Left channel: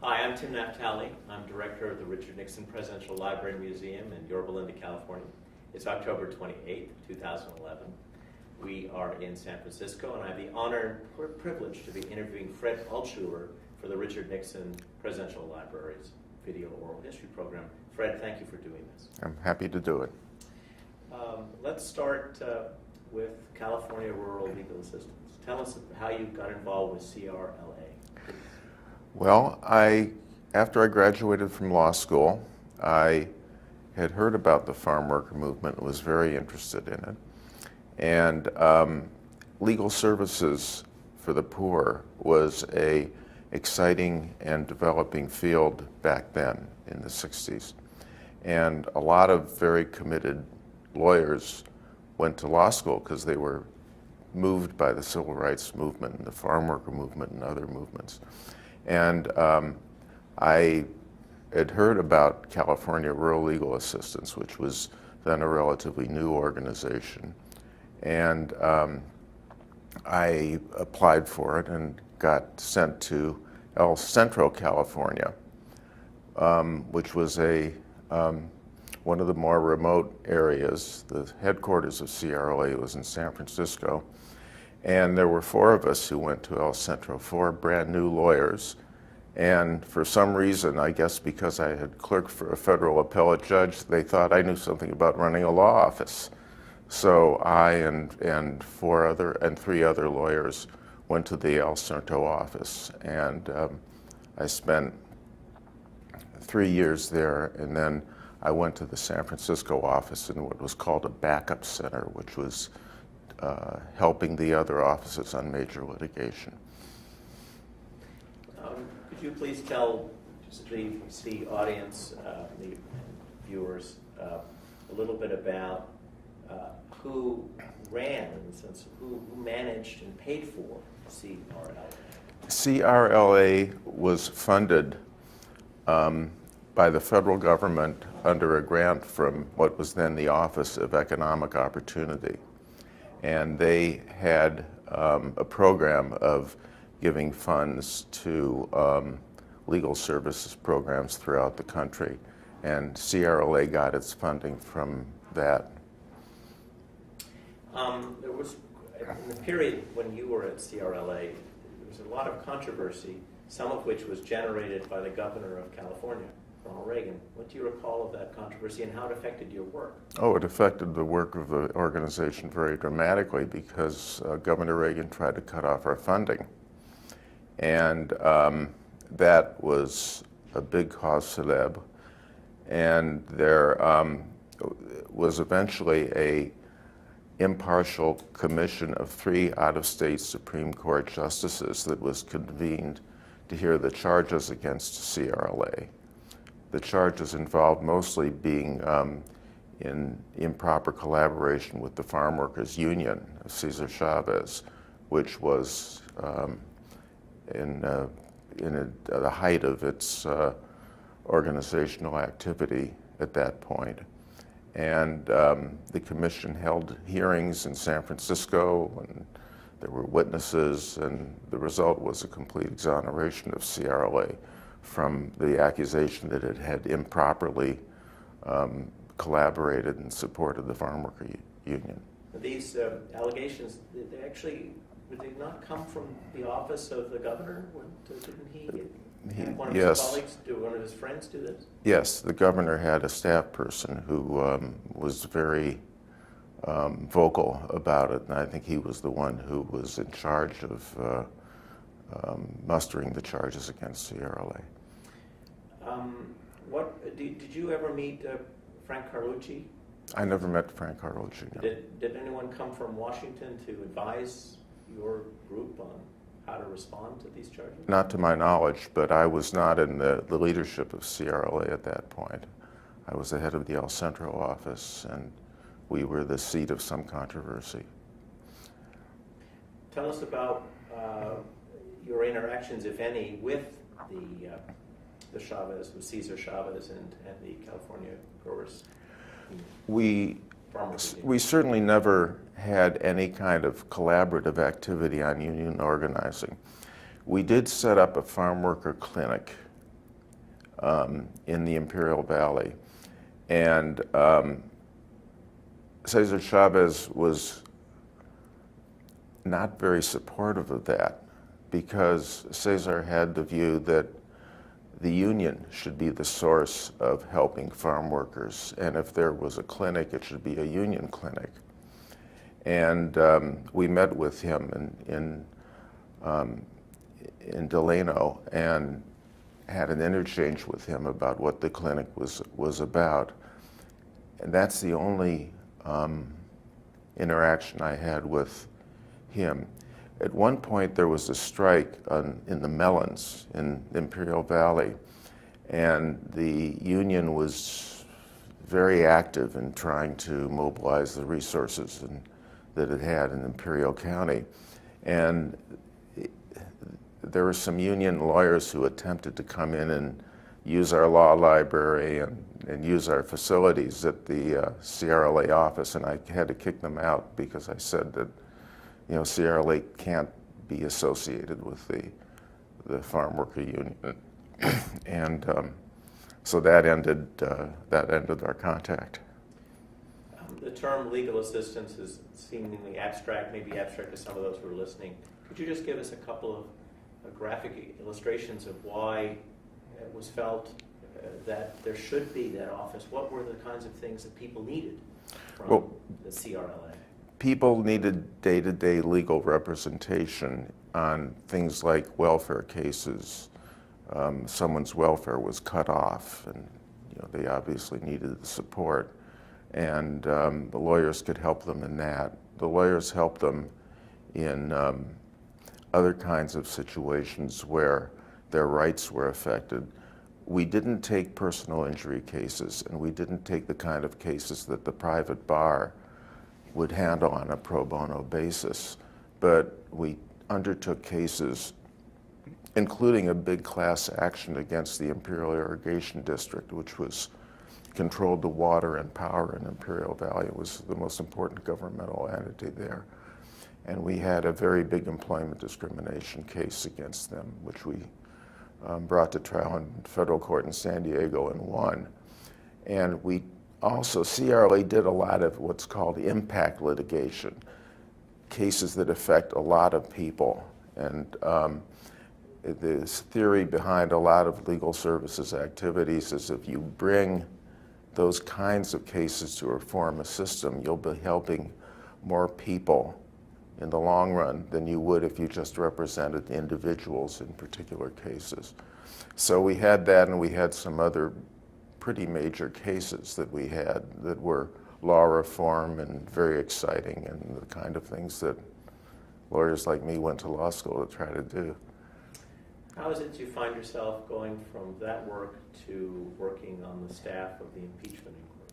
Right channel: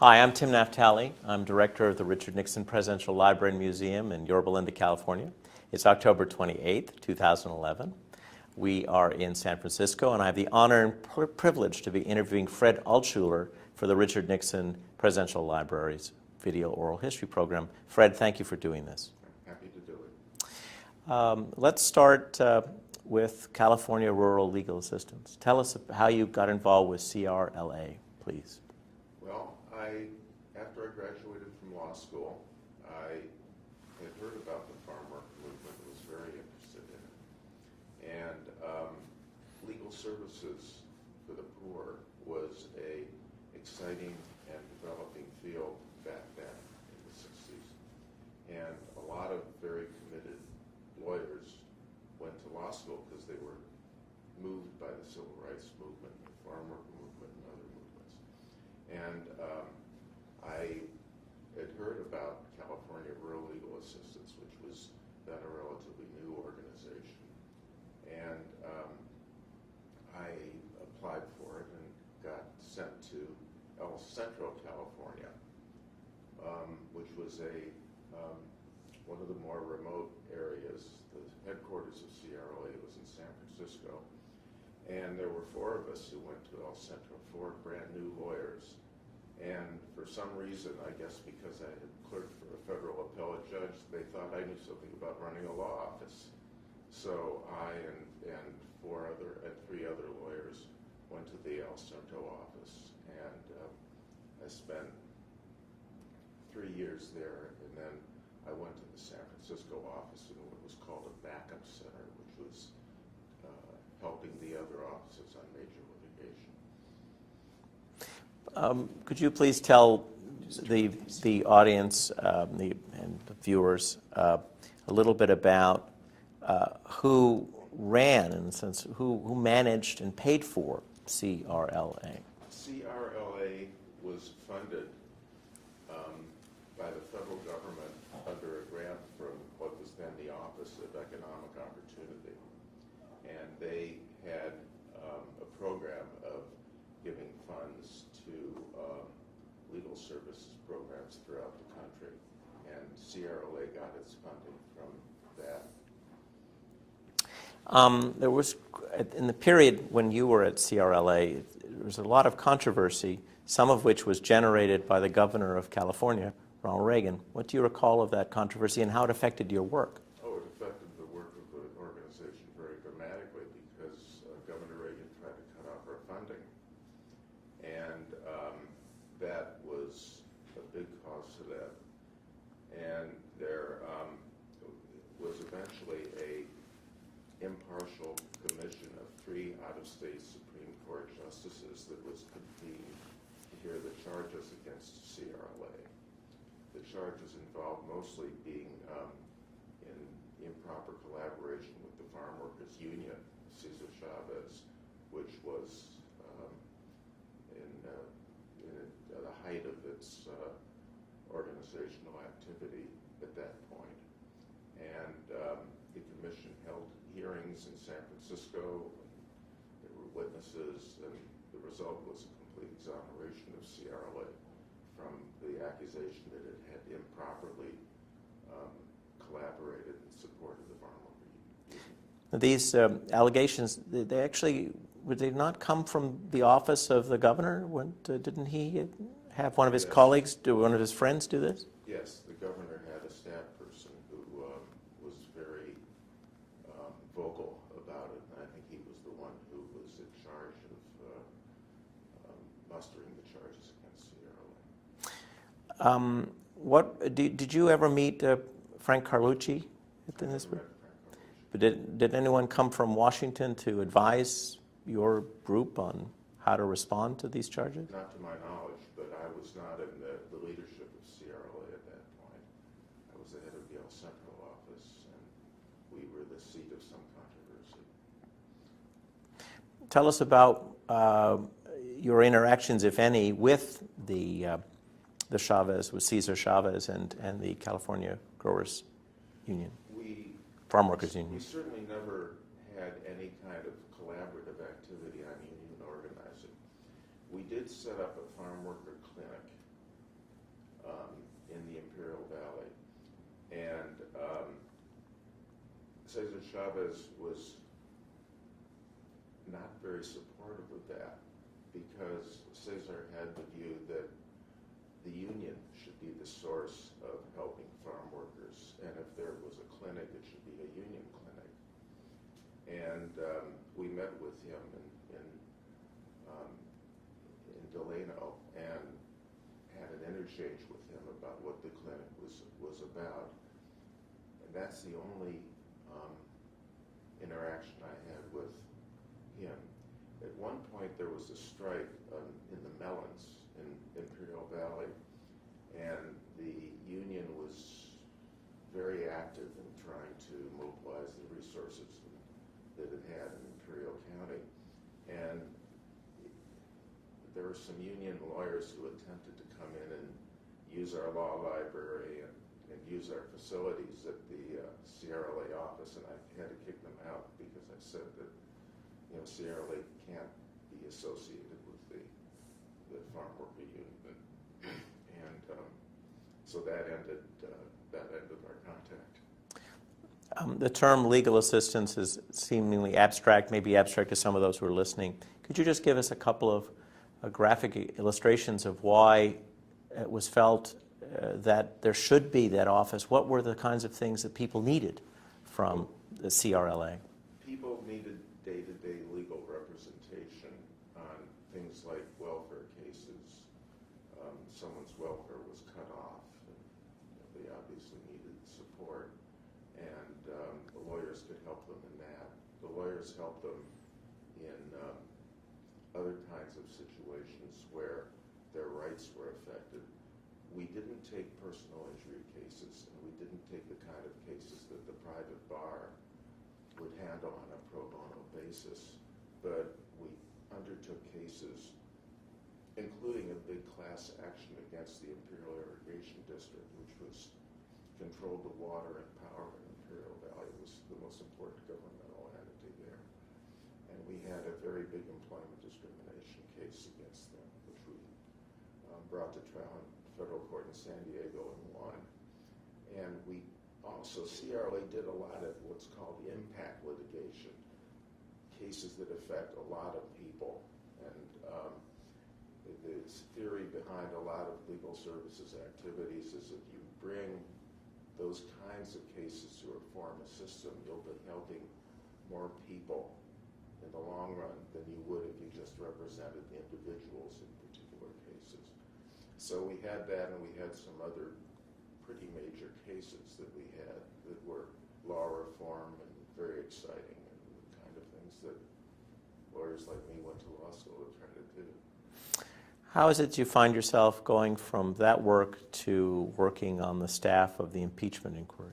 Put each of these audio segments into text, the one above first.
Hi, I'm Tim Naftali. I'm director of the Richard Nixon Presidential Library and Museum in Yorba Linda, California. It's October 28th, 2011. We are in San Francisco, and I have the honor and privilege to be interviewing Fred Altshuler for the Richard Nixon Presidential Library's Video Oral History Program. Fred, thank you for doing this. I'm happy to do it. Let's start with California Rural Legal Assistance. Tell us how you got involved with CRLA, please. Well, after I graduated from law school, I had heard about the farm worker movement and was very interested in it. And legal services for the poor was an exciting and developing field back then in the 60s. And a lot of very committed lawyers went to law school because they were moved by the civil rights movement and the farm worker movement and other movements. And I had heard about California Rural Legal Assistance, which was then a relatively new organization. And I applied for it and got sent to El Centro, California, which was one of the more remote areas. The headquarters of CRLA was in San Francisco. And there were 4 of us who went to El Centro, 4 brand new lawyers. And for some reason, I guess because I had clerked for a federal appellate judge, they thought I knew something about running a law office. So I and 3 other lawyers went to the El Centro office. And I spent 3 years there, and then I went to the San Francisco office in what was called a backup center, which was helping the other offices on major litigation. Could you please tell the audience and the viewers a little bit about who ran, in a sense, who managed and paid for CRLA? CRLA was funded by the federal government under a grant from what was then the Office of Economic Opportunity. And they had a program of giving funds to legal services programs throughout the country. And CRLA got its funding from that. There was, in the period when you were at CRLA, there was a lot of controversy, some of which was generated by the governor of California, Ronald Reagan. What do you recall of that controversy and how it affected your work? Oh, it affected the work of the organization very dramatically because Governor Reagan tried to cut off our funding. And that was a big cause célèbre. And there was eventually an impartial commission of 3 out-of-state Supreme Court justices that was convened to hear the charges against CRLA. The charges involved mostly being in improper collaboration with the Farm Workers Union of Cesar Chavez, which was in the height of its organizational activity at that point. And the commission held hearings in San Francisco, and there were witnesses, and the result was a complete exoneration of CRLA from the accusation that it had improperly collaborated and supported the Farm Worker Union. These allegations, would they not come from the office of the governor? Didn't he have one of his colleagues, one of his friends do this? Yes, the governor had a staff person who was very vocal about it, and I think he was the one who was in charge of mustering the charges against CRLA. Did you ever meet Frank Carlucci? I never met Frank Carlucci. Did anyone come from Washington to advise your group on how to respond to these charges? Not to my knowledge, but I was not in the leadership of CRLA at that point. I was the head of the El Centro office, and we were the seat of some controversy. Tell us about your interactions, if any, with the Chavez, with Cesar Chavez and the California Growers Union, Farm Workers Union. We certainly never had any kind of collaborative activity on union organizing. We did set up a farm worker clinic in the Imperial Valley. And Cesar Chavez was not very supportive of that, because Cesar had the view that the union should be the source of helping farm workers, and if there was a clinic, it should be a union clinic. And we met with him in Delano and had an interchange with him about what the clinic was about. And that's the only interaction I had with him. At one point, there was a strike in the melons in Imperial Valley, and the union was very active in trying to mobilize the resources that it had in Imperial County. And there were some union lawyers who attempted to come in and use our law library and use our facilities at the CRLA office, and I had to kick them out because I said that, you know, CRLA can't be associated with the farm worker union. And so that ended our contact. The term legal assistance is seemingly abstract, maybe abstract to some of those who are listening. Could you just give us a couple of graphic illustrations of why it was felt that there should be that office? What were the kinds of things that people needed from the CRLA? People needed day-to-day legal representation on things like welfare cases. Someone's welfare was cut off, and you know, they obviously needed the support. And the lawyers could help them in that. The lawyers helped them in other kinds of situations where their rights were affected. We didn't take personal injury cases, and we didn't take the kind of cases that the private bar would handle on a pro bono basis, but we undertook cases, including a big class action against the Imperial Irrigation District, which controlled the water and power in Imperial Valley. It was the most important governmental entity there. And we had a very big employment discrimination case against them, which we brought to trial in federal court in San Diego and won. And we also, CRLA did a lot of what's called impact litigation, cases that affect a lot of people. And the theory behind a lot of legal services activities is if you bring those kinds of cases to reform a system, you'll be helping more people in the long run than you would if you just represented individuals in particular cases. So we had that, and we had some other pretty major cases that we had that were law reform and very exciting, and the kind of things that lawyers like me went to law school to try to do. How is it you find yourself going from that work to working on the staff of the impeachment inquiry?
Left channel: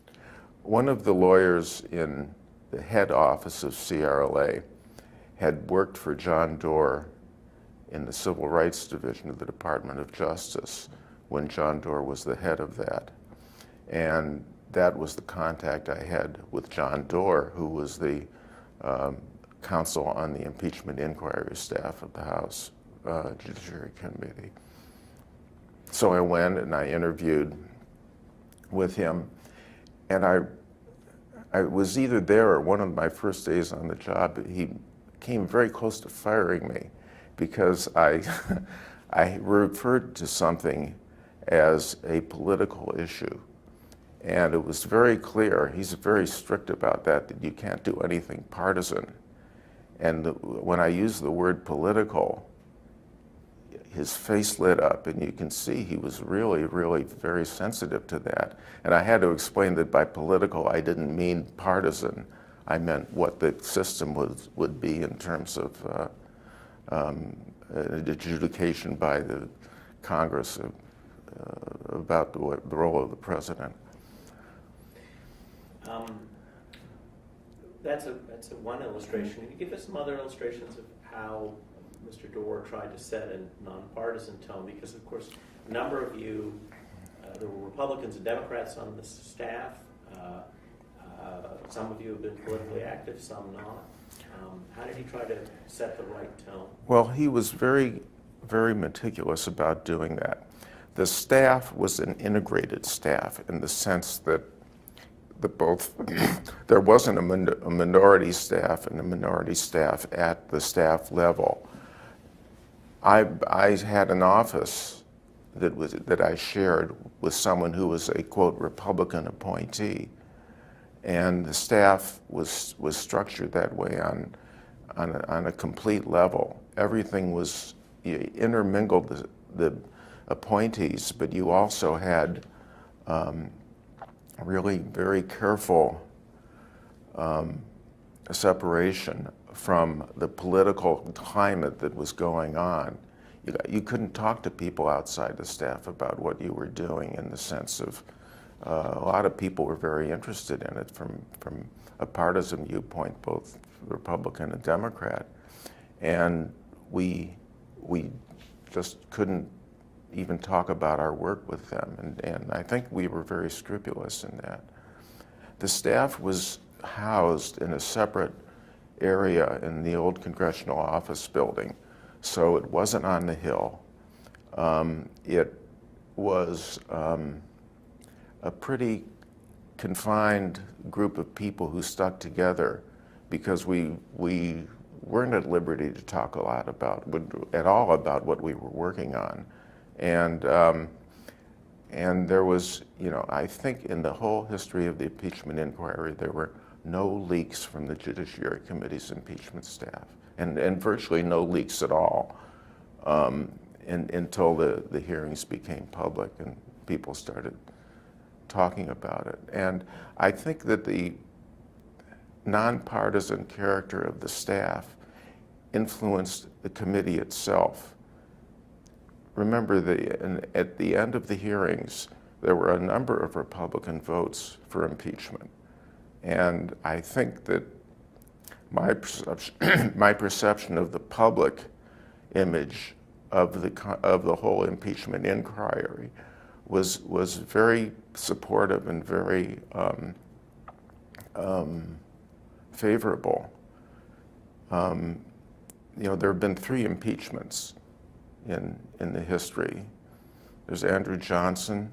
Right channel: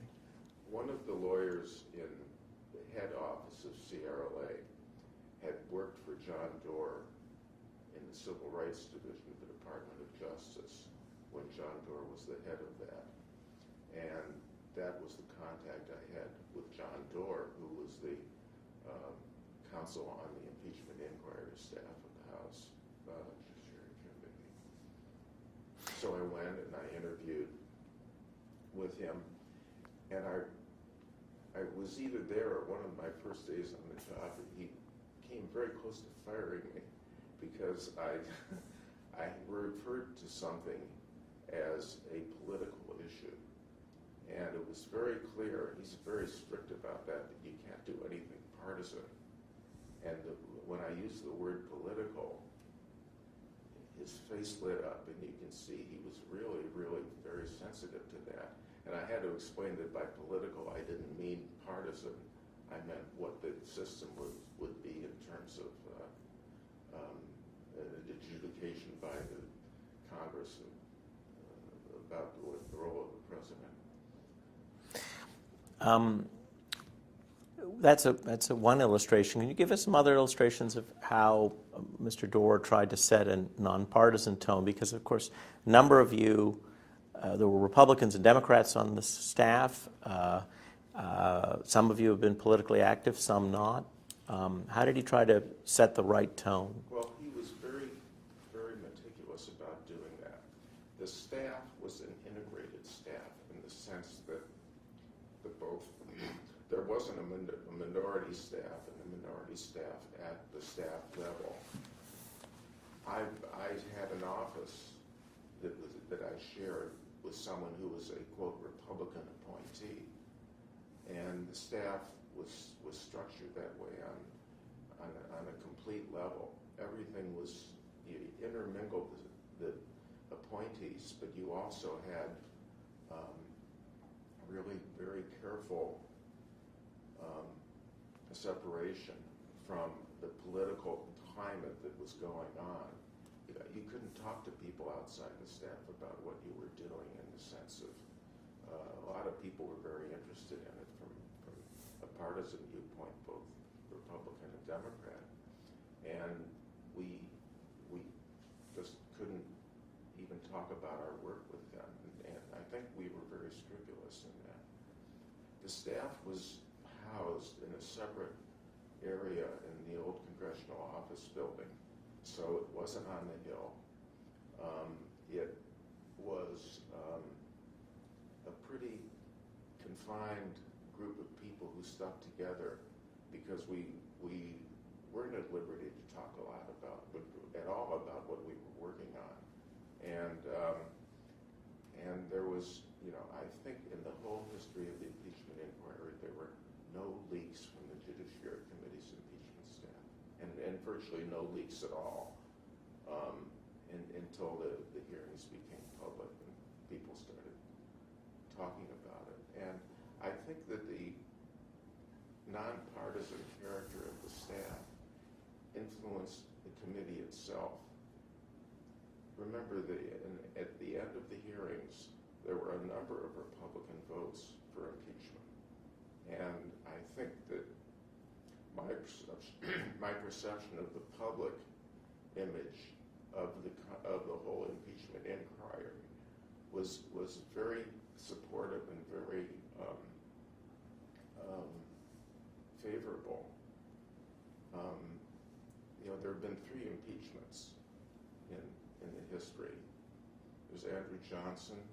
One of the lawyers in the head office of CRLA had worked for John Doerr in the Civil Rights Division of the Department of Justice when John Doerr was the head of that. And that was the contact I had with John Doerr, who was the counsel on the impeachment inquiry staff of the House Judiciary Committee. So I went and I interviewed with him, and I was either there or one of my first days on the job. He came very close to firing me because I referred to something as a political issue. And it was very clear, he's very strict about that you can't do anything partisan. And when I used the word political, his face lit up, and you can see he was really, really very sensitive to that. And I had to explain that by political, I didn't mean partisan. I meant what the system would be in terms of adjudication by the Congress about the role of the president. That's one illustration. Can you give us some other illustrations of how Mr. Doerr tried to set a nonpartisan tone? Because, of course, a number of you, there were Republicans and Democrats on the staff. Some of you have been politically active, some not. How did he try to set the right tone? Well, he was very, very meticulous about doing that. the staff was an integrated staff in the sense that there wasn't a minority staff and a minority staff at the staff level. I had an office that I shared with someone who was a, quote, Republican appointee, and the staff was structured that way on a complete level. Everything was, you intermingled the appointees, but you also had really very careful separation from the political climate that was going on. You couldn't talk to people outside the staff about what you were doing, in the sense of a lot of people were very interested in it from a partisan viewpoint, both Republican and Democrat. And we just couldn't even talk about our work with them. And I think we were very scrupulous in that. The staff was housed in a separate area in the old congressional office building, so it wasn't on the Hill. It was a pretty confined group of people who stuck together because we weren't at liberty to talk at all about what we were working on. And there was, I think in the whole history of the impeachment inquiry, there were no leaks from the Judiciary Committee's impeachment staff, and virtually no leaks at all until the hearings became public and people started talking about it. And I think that the nonpartisan character of the staff influenced the committee itself. Remember, at the end of the hearings, there were a number of Republican votes for impeachment. And I think that my perception of the public image of the whole impeachment inquiry was very supportive and very favorable. There have been 3 impeachments in the history. There's Andrew Johnson,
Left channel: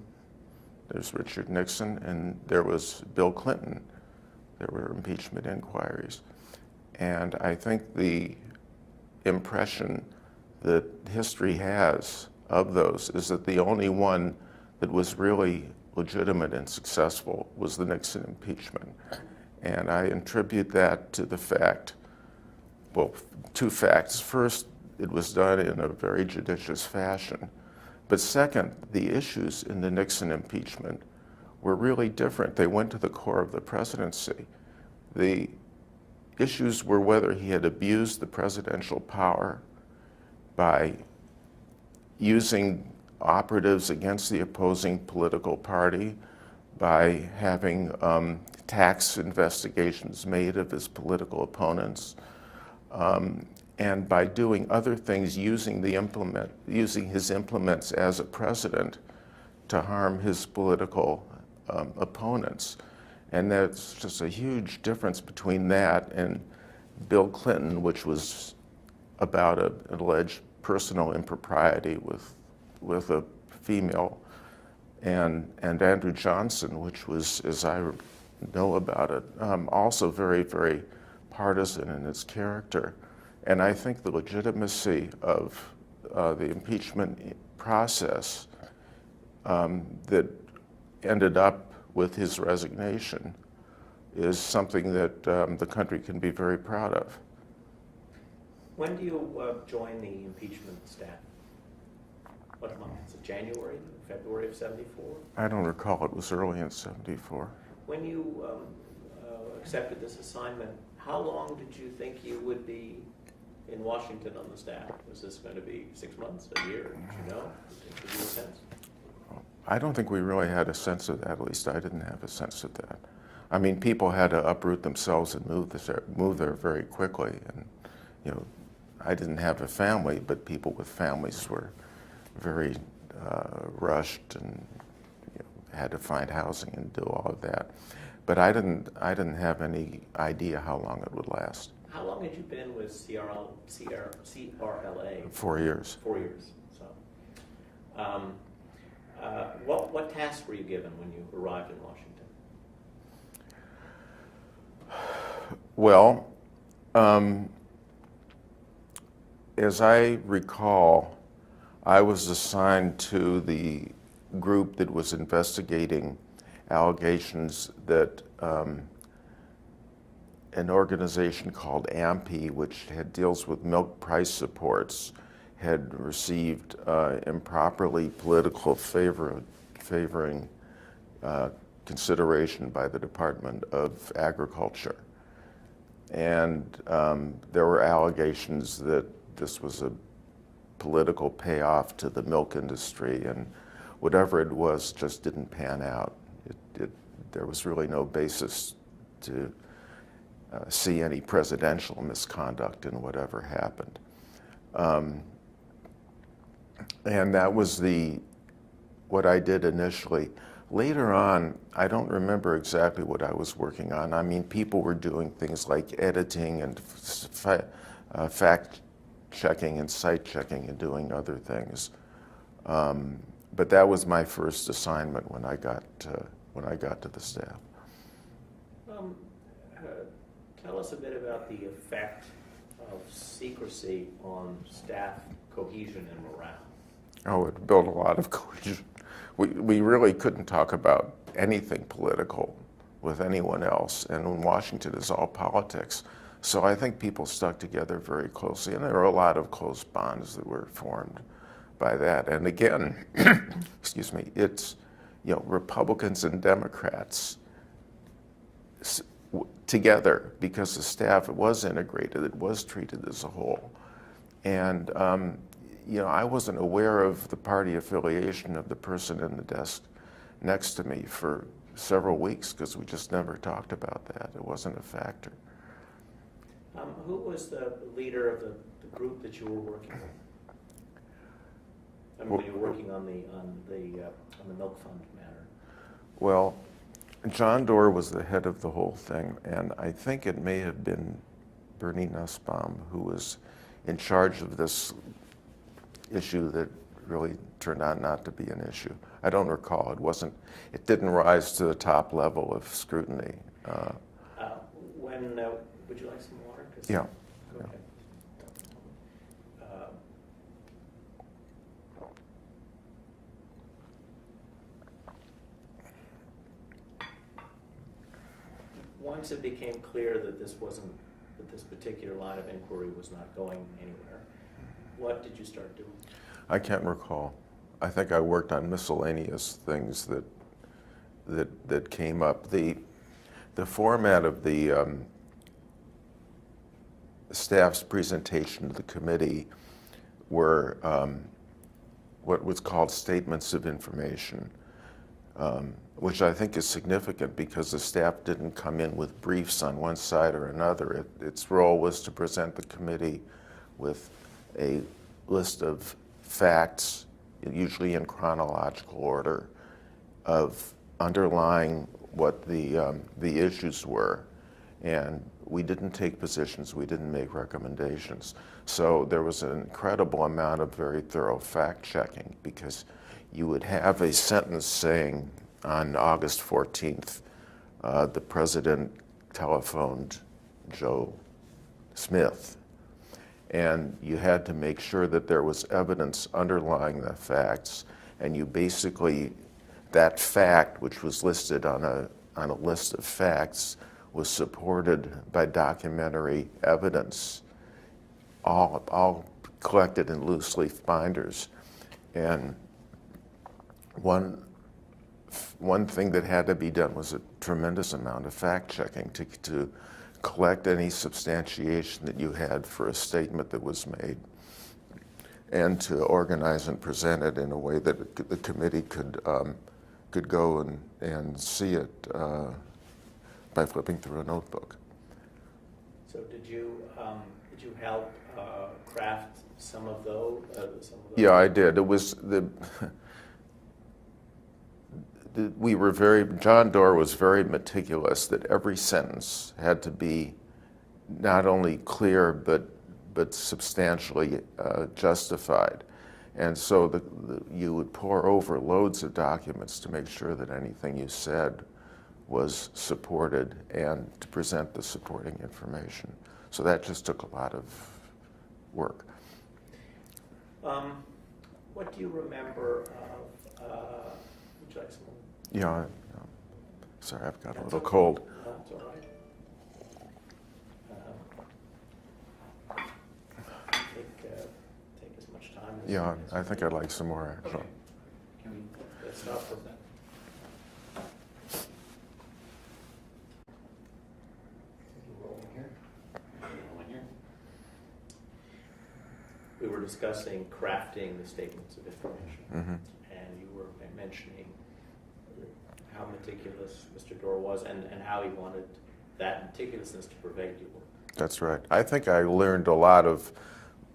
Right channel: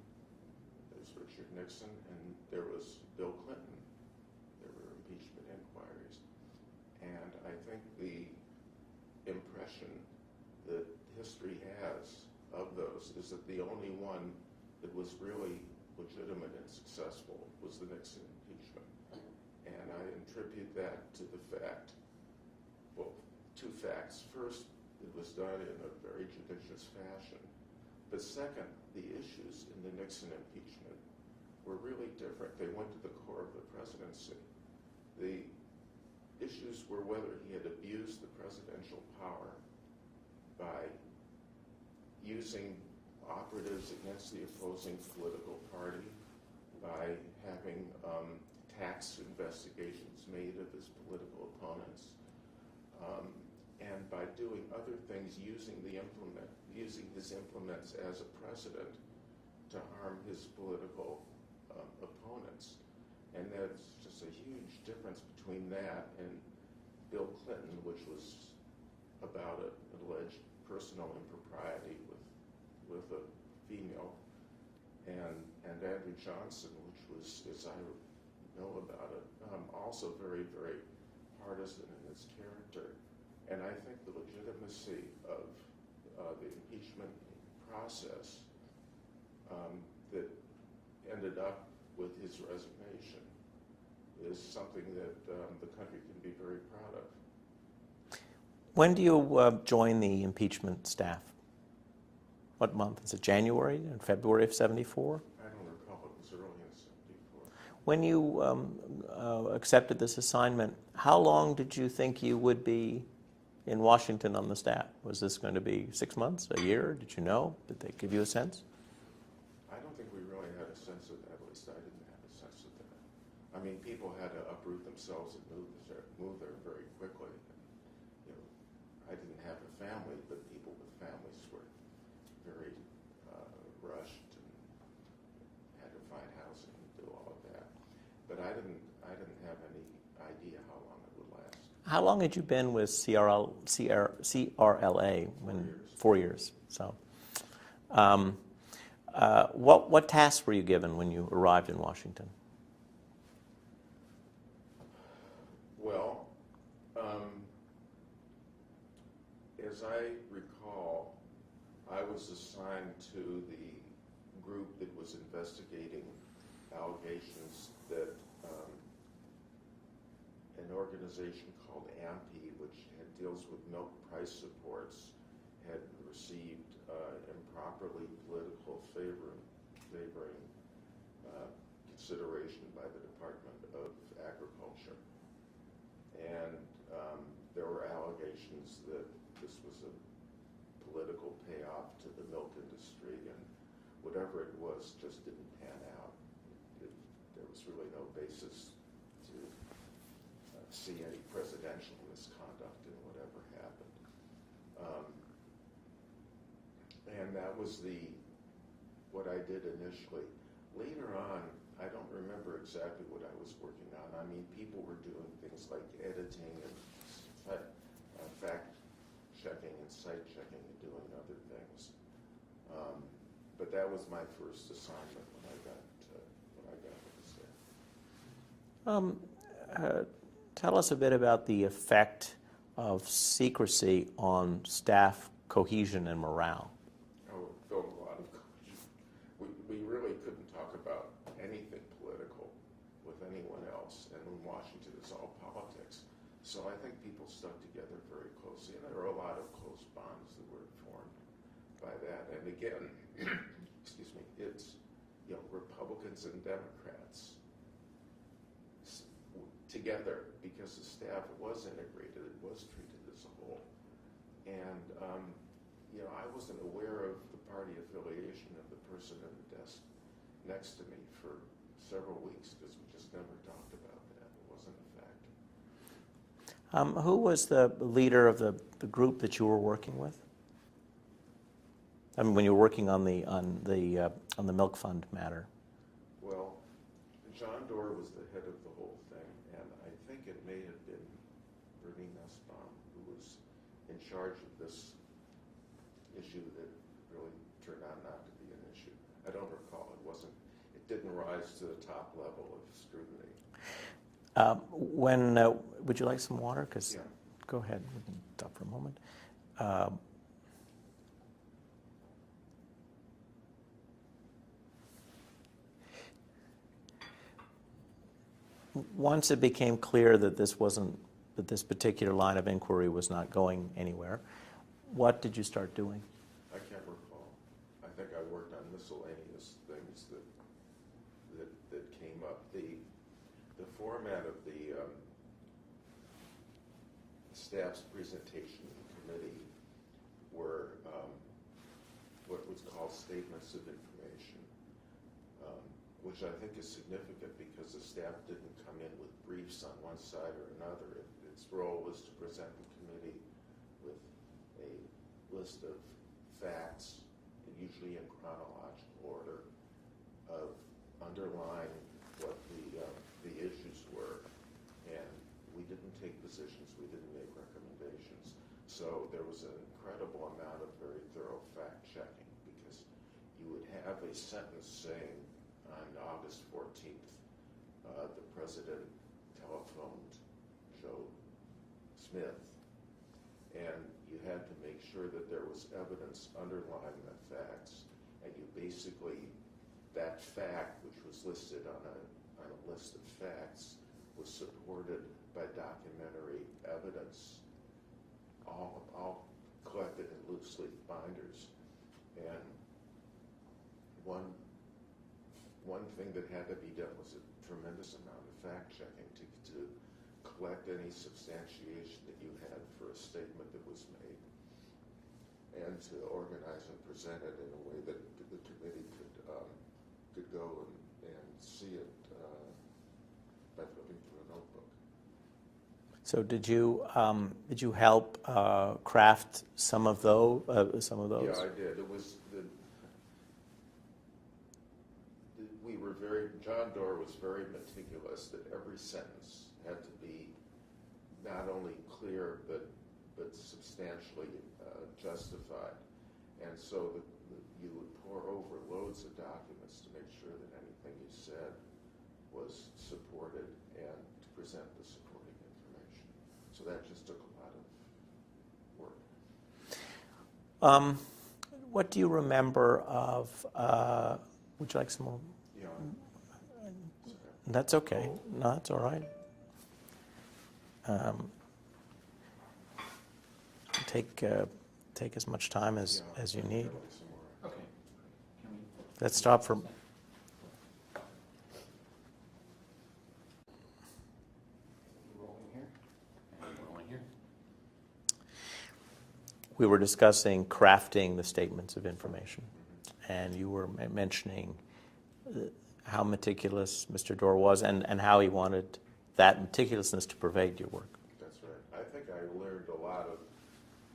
there's Richard Nixon, and there was Bill Clinton. There were impeachment inquiries. And I think the impression that history has of those is that the only one that was really legitimate and successful was the Nixon impeachment. And I attribute that to the fact, well, 2 facts. First, it was done in a very judicious fashion. But second, the issues in the Nixon impeachment were really different. They went to the core of the presidency. The issues were whether he had abused the presidential power by using operatives against the opposing political party, by having tax investigations made of his political opponents, and by doing other things, using his implements as a president to harm his political opponents. And that's just a huge difference between that and Bill Clinton, which was about an alleged personal impropriety with a female, and Andrew Johnson, which was, as I know about it, also very, very partisan in its character. And I think the legitimacy of the impeachment process that ended up with his resignation is something that the country can be very proud of. When do you join the impeachment staff? What month? Is it January and February of '74? I don't recall. It was early in '74. When you accepted this assignment, how long did you think you would be in Washington on the staff? Was this going to be 6 months, a year? Did you know? Did they give you a sense? I don't think we really had a sense of that. At least I didn't have a sense of that. I mean, people had to uproot themselves and move there very quickly. And I didn't have a family, but people with families were very rushed and had to find housing and do all of that. But I didn't have any idea how long it would last. How long had you been with CRLA? 4 years. 4 years. So, What tasks were you given when you arrived in Washington? Well, as I recall, I was assigned to the group that was investigating allegations that an organization called AMPI, which deals with milk price supports, had received improperly political favoring consideration by the Department of Agriculture. And there were allegations that this was a political payoff to the milk industry, and whatever it was just didn't pan out. There was really no basis to see any presidential misconduct in whatever happened. And that was what I did initially. Later on, I don't remember exactly what I was working on. I mean, people were doing things like editing and fact checking and site checking and doing other things. But that was my first assignment when I got to the staff. Tell us a bit about the effect of secrecy on staff cohesion and morale. Oh, it built a lot of cohesion. We really couldn't talk about anything political with anyone else, and in Washington it's all politics. So I think people stuck together very closely, and there were a lot of close bonds that were formed by that. And again, excuse me, it's, Republicans and Democrats together, because the staff was integrated, it was treated as a whole. And I wasn't aware of the party affiliation of the person in the desk next to me for several weeks because we just never talked about that. It wasn't a factor. Who was the leader of the group that you were working with? I mean, when you were working on the milk fund matter. Well, John Doerr was the head of the whole thing, and I think it may have been Bernie Nussbaum who was in charge of this issue that really turned out not to be an issue. I don't recall. It didn't rise to the top level of scrutiny. Would you like some water? Yeah. Go ahead. We can talk for a moment. Once it became clear that this particular line of inquiry was not going anywhere, what did you start doing? I can't recall. I think I worked on miscellaneous things that came up. The format of the staff's presentation to the committee were what was called statements of information, which I think is significant because the staff didn't come in with briefs on one side or another. Its role was to present the committee with a list of facts, usually in chronological order, of underlying what the issues were. And we didn't take positions, we didn't make recommendations. So there was an incredible amount of very thorough fact checking because you would have a sentence saying on August 14th, the president telephoned Joe Smith. And you had to make sure that there was evidence underlying the facts, and you basically, that fact, which was listed on a list of facts, was supported by documentary evidence, all collected in loose leaf binders. And one thing that had to be done was a tremendous amount of fact checking to collect any substantiation that you had for a statement that was made, and to organize and present it in a way that the committee could go and see it by flipping through a notebook. So did you help craft some of those? Yeah, I did. It was John Doerr was very meticulous that every sentence had to be not only clear but substantially justified. And so you would pour over loads of documents to make sure that anything you said was supported and to present the supporting information. So that just took a lot of work. What do you remember of, would you like some more? Yeah, sorry, I've got That's a little okay. cold. No, that's all right. Take as much time as Yeah, as I you think need. I'd like some more, actually. Let's stop for. We were discussing crafting the statements of information, and you were mentioning how meticulous Mr. Dorr was and how he wanted that meticulousness to pervade your work. That's right. I think I learned a lot of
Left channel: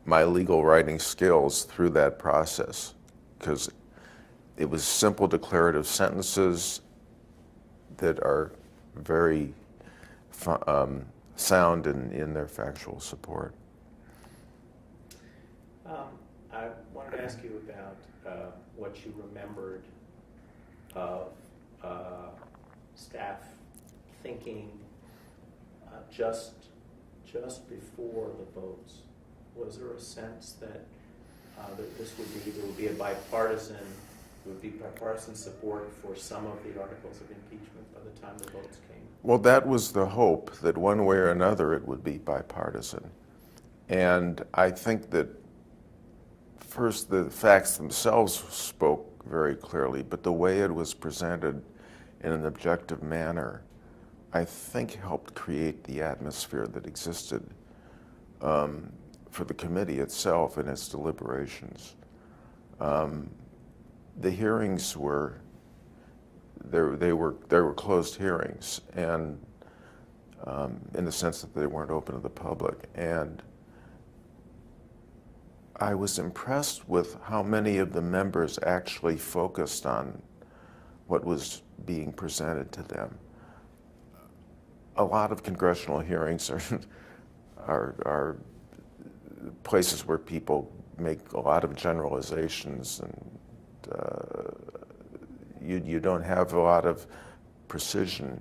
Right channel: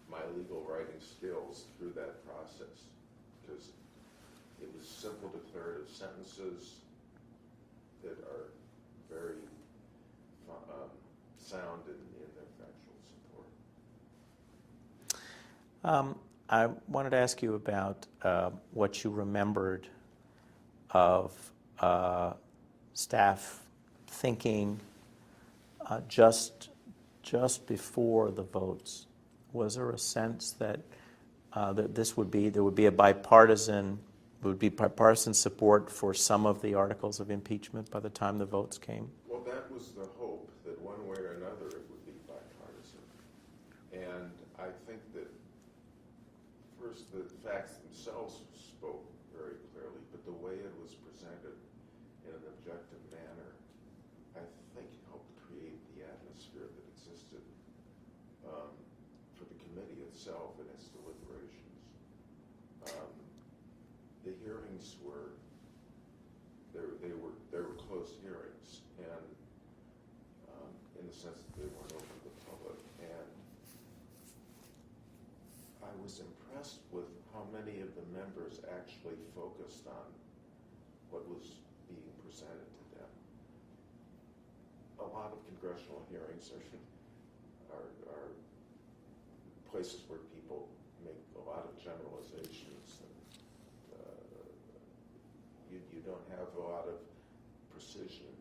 my legal writing skills through that process because it was simple declarative sentences that are very sound in their factual support. I wanted to ask you about what you remembered of staff thinking just before the votes. Was there a sense that that there would be bipartisan support for some of the articles of impeachment by the time the votes came? Well, that was the hope, that one way or another it would be bipartisan. And I think that first the facts themselves spoke very clearly, but the way it was presented in an objective manner, I think helped create the atmosphere that existed for the committee itself and its deliberations. The hearings were closed hearings, and in the sense that they weren't open to the public. And I was impressed with how many of the members actually focused on what was being presented to them. A lot of congressional hearings are places where people make a lot of generalizations, and you don't have a lot of precision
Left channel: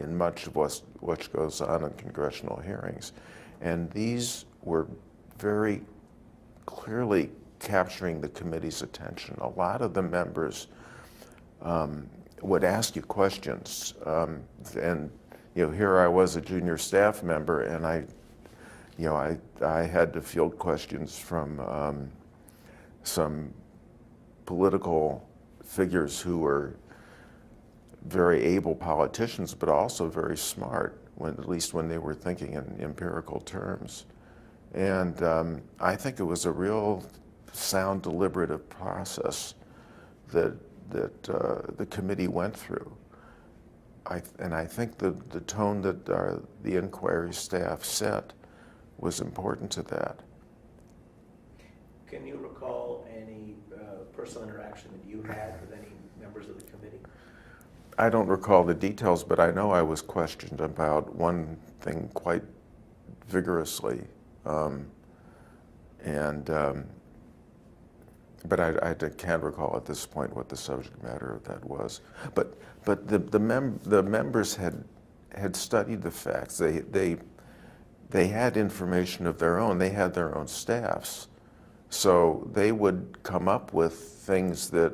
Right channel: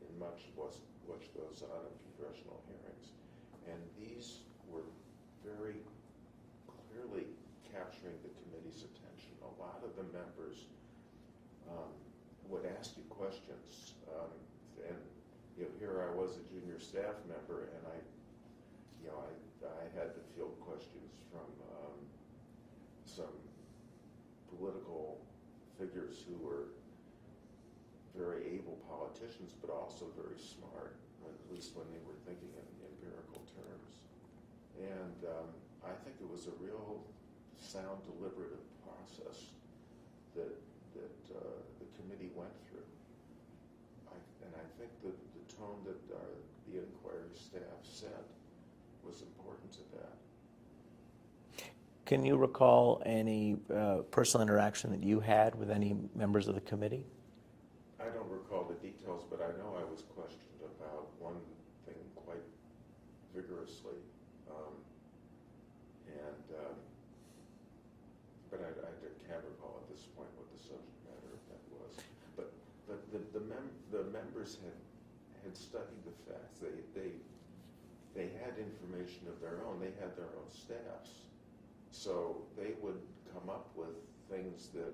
in much of what goes on in congressional hearings. And these were very clearly capturing the committee's attention. A lot of the members would ask you questions, and here I was a junior staff member, and I had to field questions from some political figures who were very able politicians, but also very smart, at least when they were thinking in empirical terms. And I think it was a real sound, deliberative process that the committee went through. And I think the tone that the inquiry staff set was important to that. Can you recall any personal interaction that you had with any members of the committee? I don't recall the details, but I know I was questioned about one thing quite vigorously. But I can't recall at this point what the subject matter of that was. But the members had studied the facts. They had information of their own. They had their own staffs, so they would come up with things that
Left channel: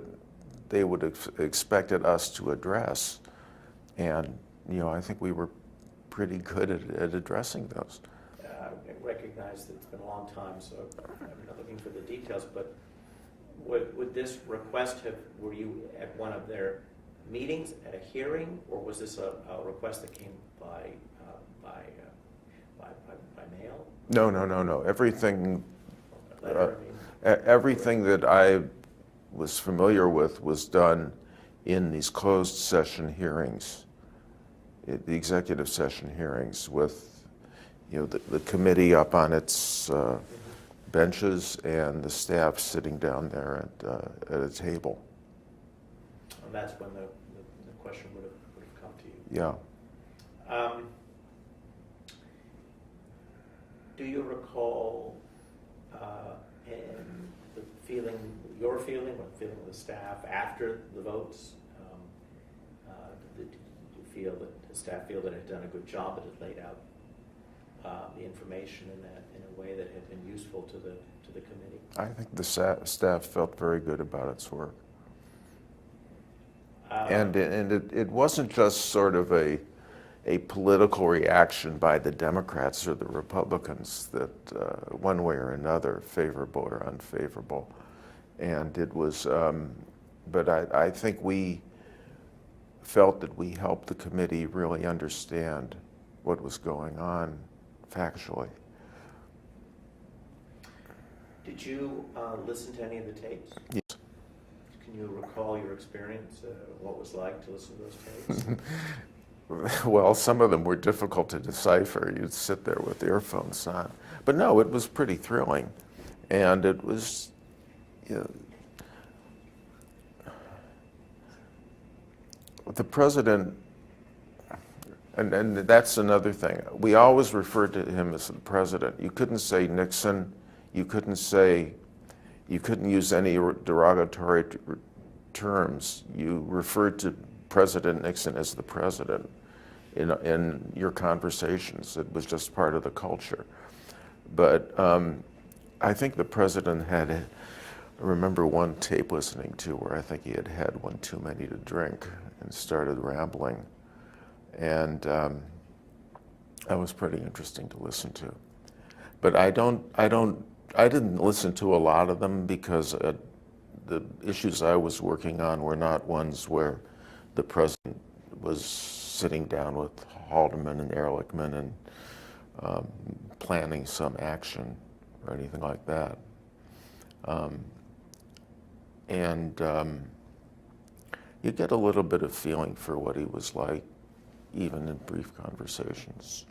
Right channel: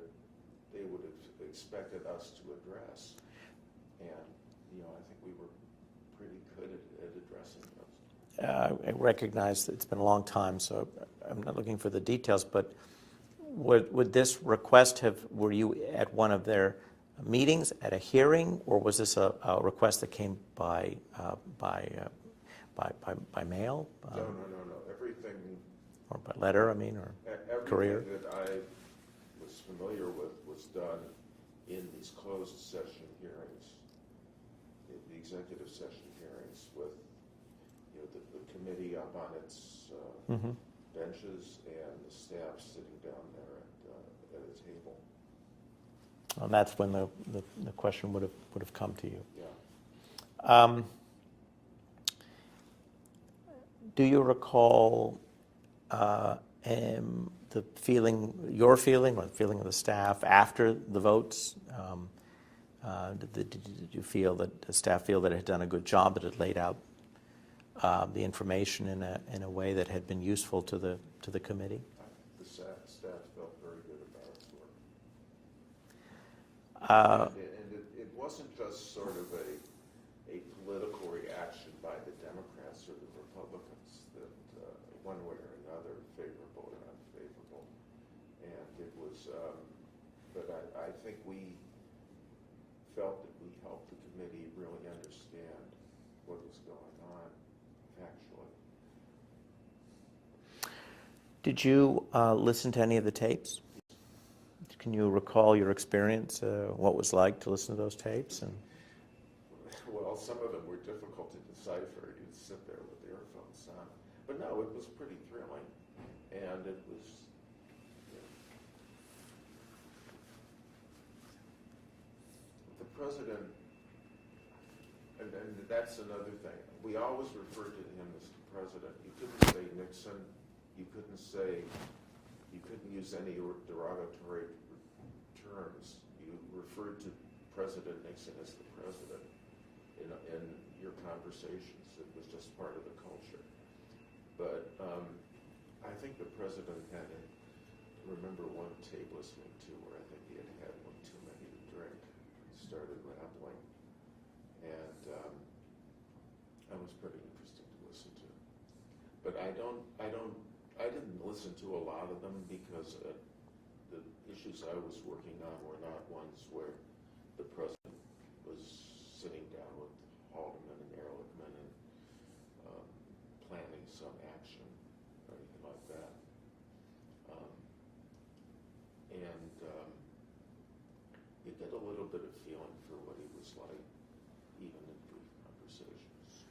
they would have expected us to address, and I think we were pretty good at addressing those. I recognize that it's been a long time, so I'm not looking for the details, but would this request were you at one of their meetings, at a hearing, or was this a request that came by mail? No. Everything. Or by letter, I mean? Everything that I was familiar with was done in these closed session hearings, the executive session hearings with the committee up on its benches and the staff sitting down there at a table. And that's when the question would have come to you. Yeah. Do you recall the feeling, your feeling, or the feeling of the staff after the votes? Did you feel that the staff feel that it had done a good job, that it laid out the information in a way that had been useful to the committee? I think the staff felt very good about its work. And it wasn't just sort of a political reaction by the Democrats or the Republicans that one way or another, favorable or unfavorable. And it was, but I think we felt that we helped the committee really understand what was going on factually. Did you listen to any of the tapes? Yes. Can you recall your experience, what it was like to listen to those tapes? Well, some of them were difficult to decipher. You'd sit there with earphones on. But no, it was pretty thrilling. And it was, you know, the president, and that's another thing. We always referred to him as the president. You couldn't say Nixon. You couldn't use any derogatory terms. You referred to President Nixon as the president in your conversations. It was just part of the culture. But I think the president had, I remember one tape listening to where I think he had had one too many to drink and started rambling. And that was pretty interesting to listen to. But I didn't listen to a lot of them because the issues I was working on were not ones where the president was sitting down with Haldeman and Ehrlichman and planning some action or anything like that. You get a little bit of feeling for what he was like, even in brief conversations.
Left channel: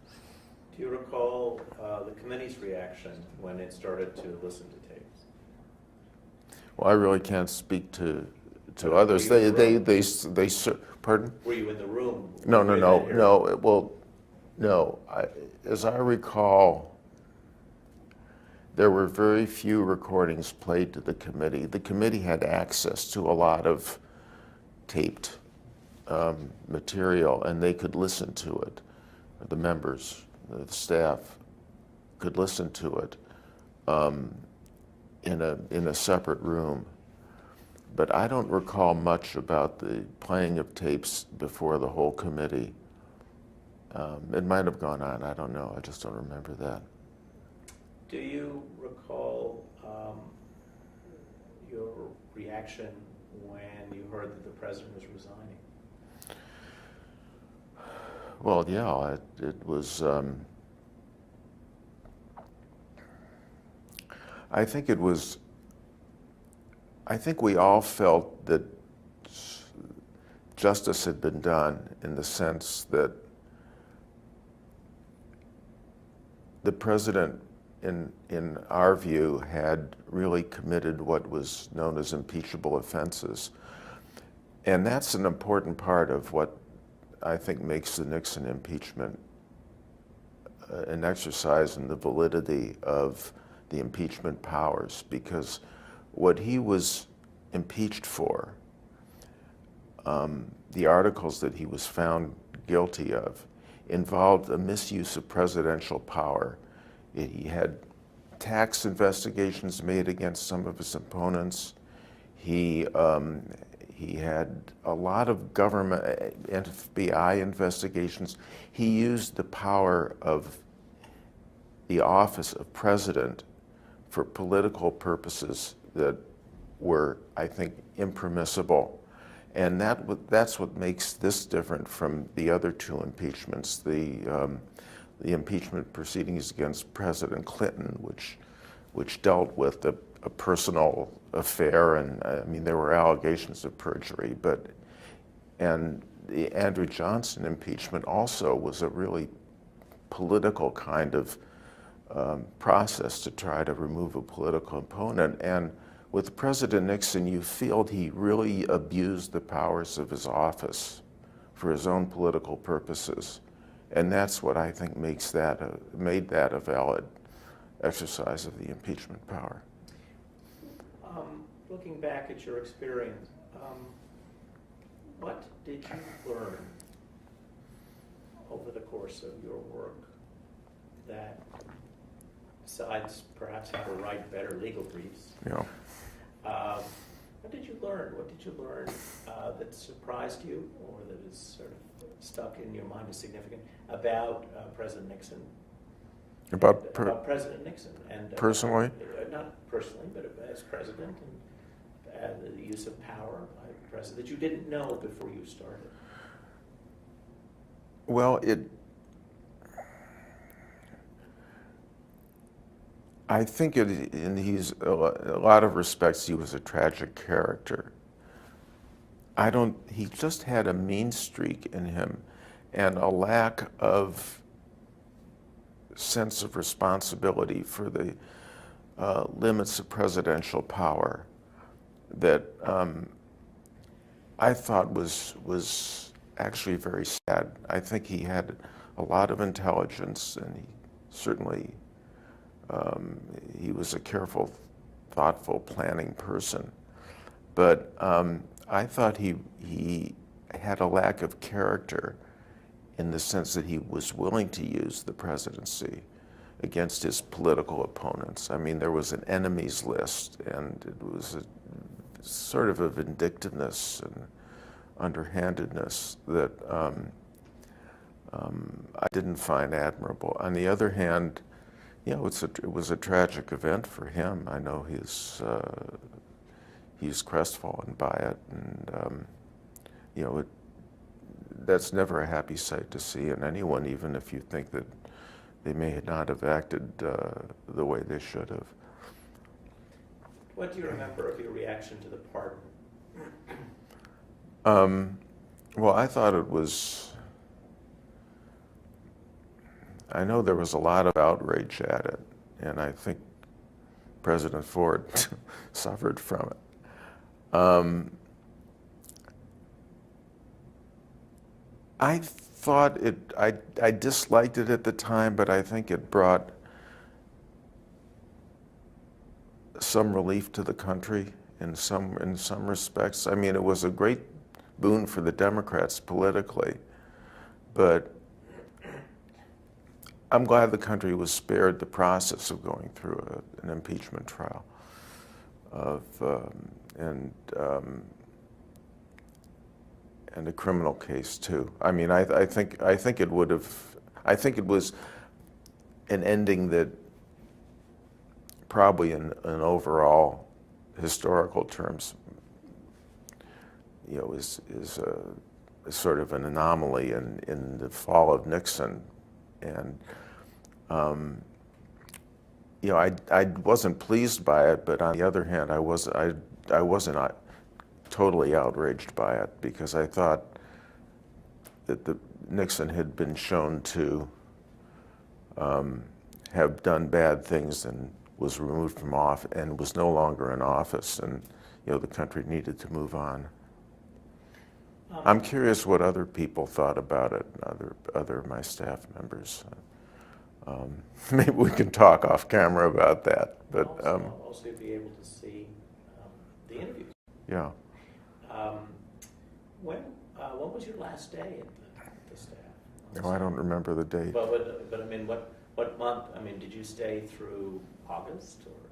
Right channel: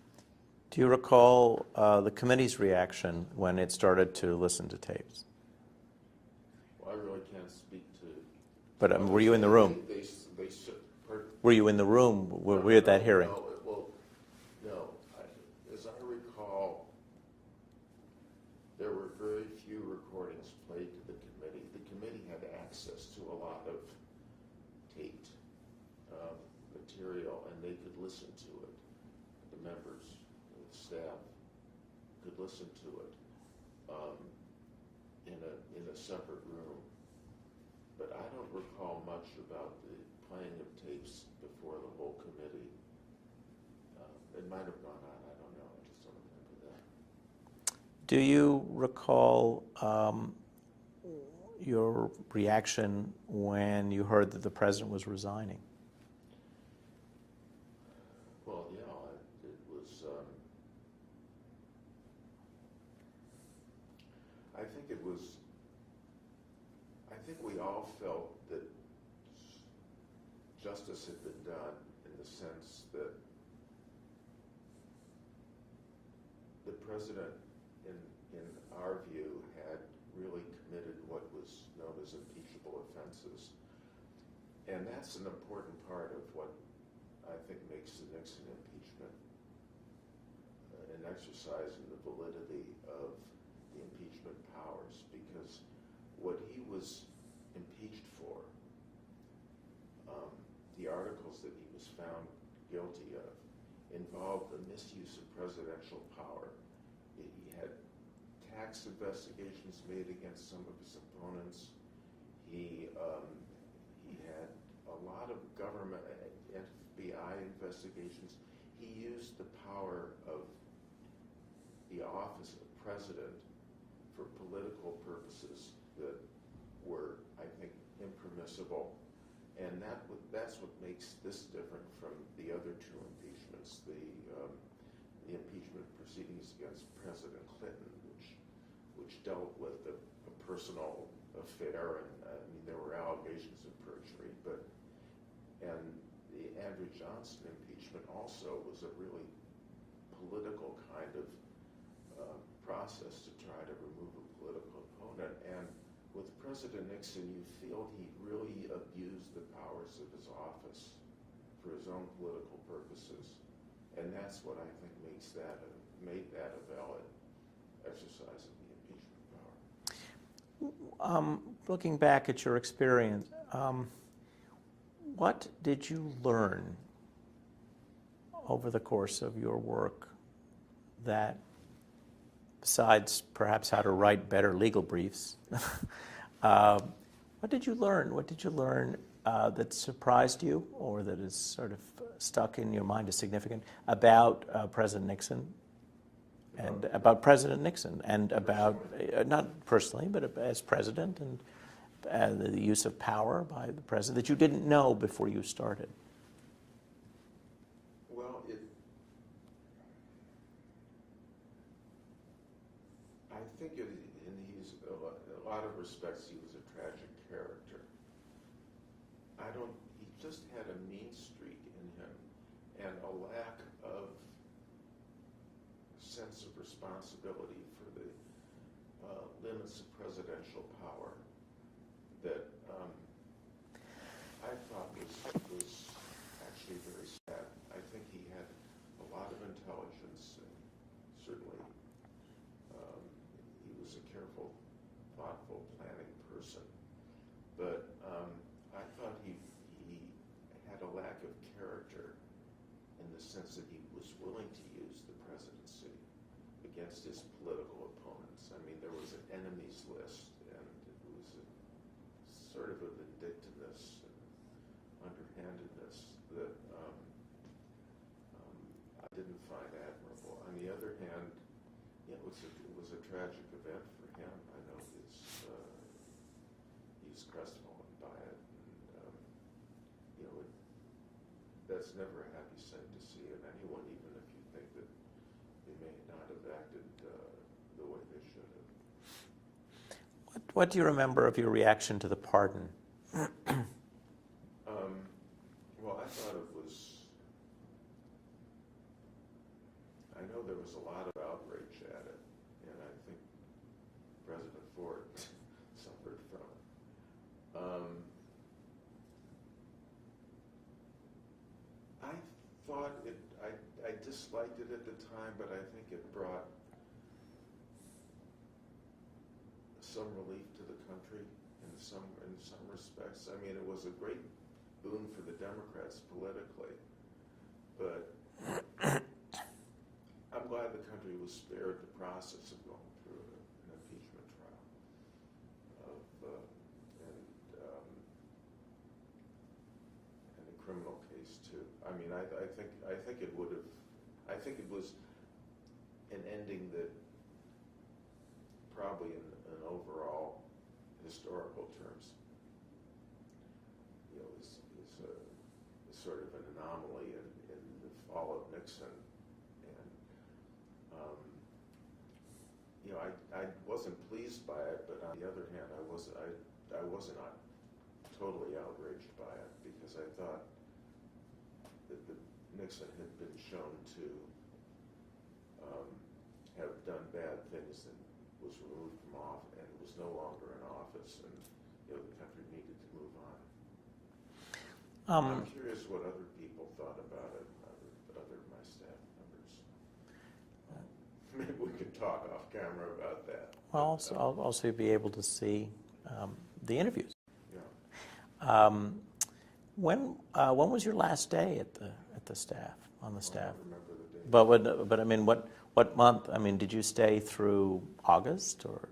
Do you recall the committee's reaction when it started to listen to tapes? Well, I really can't speak to But others. were you in the room? They pardon? Were you in the room? No. That hearing? Well, no. As I recall, there were very few recordings played to the committee. The committee had access to a lot of taped material, and they could listen to it. The members, the staff, could listen to it in a separate room. But I don't recall much about the playing of tapes before the whole committee. It might have gone on, I don't know, I just don't remember that. Do you recall your reaction when you heard that the president was resigning? Well, yeah, it was, I think we all felt that justice had been done in the sense that the president, in our view, had really committed what was known as impeachable offenses. And that's an important part of what I think makes the Nixon impeachment an exercise in the validity of the impeachment powers, because what he was impeached for, the articles that he was found guilty of, involved a misuse of presidential power. He had tax investigations made against some of his opponents. He had a lot of government FBI investigations. He used the power of the office of president for political purposes that were, I think, impermissible. And that's what makes this different from the other two impeachments, the impeachment proceedings against President Clinton, which dealt with a personal affair, and I mean, there were allegations of perjury, and the Andrew Johnson impeachment also was a really political kind of process to try to remove a political opponent. And with President Nixon, you feel he really abused the powers of his office for his own political purposes. And that's what I think made that a valid exercise of the impeachment power. Looking back at your experience, what did you learn over the course of your work that, besides perhaps how to write better legal briefs, what did you learn? What did you learn that surprised you, or that is sort of stuck in your mind as significant about President Nixon? About President Nixon and personally, about, not personally, but as president, and the use of power by the president that you didn't know before you started. Well, I think in a lot of respects, he was a tragic character. He just had a mean streak in him and a lack of sense of responsibility for the limits of presidential power that I thought was actually very sad. I think he had a lot of intelligence, and he was a careful, thoughtful, planning person. But I thought he had a lack of character in the sense that he was willing to use the presidency against his political opponents. I mean, there was an enemies list, and it was a sort of a vindictiveness and underhandedness that I didn't find admirable. On the other hand, it was a tragic event for him. I know he's crestfallen by it, and that's never a happy sight to see in anyone, even if you think that they may not have acted the way they should have. What do you remember of your reaction to the pardon? Well, I thought I know there was a lot of outrage at it, and I think President Ford suffered from it. I thought I disliked it at the time, but I think it brought some relief to the country in some respects. I mean, it was a great boon for the Democrats politically, but I'm glad the country was spared the process of going through an impeachment trial and a criminal case too. I mean, I think it would have. I think it was an ending that probably in overall historical terms, is a sort of an anomaly in the fall of Nixon, and I wasn't pleased by it, but on the other hand, I wasn't totally outraged by it, because I thought that Nixon had been shown to have done bad things and was removed from office and was no longer in office, and the country needed to move on. I'm curious what other people thought about it, other of my staff members. Maybe we can talk off camera about that. But I'll also be able to see the interviews. Yeah. When was your last day at the staff on the staff? I don't remember the date. But I mean, what month? I mean, did you stay through August or?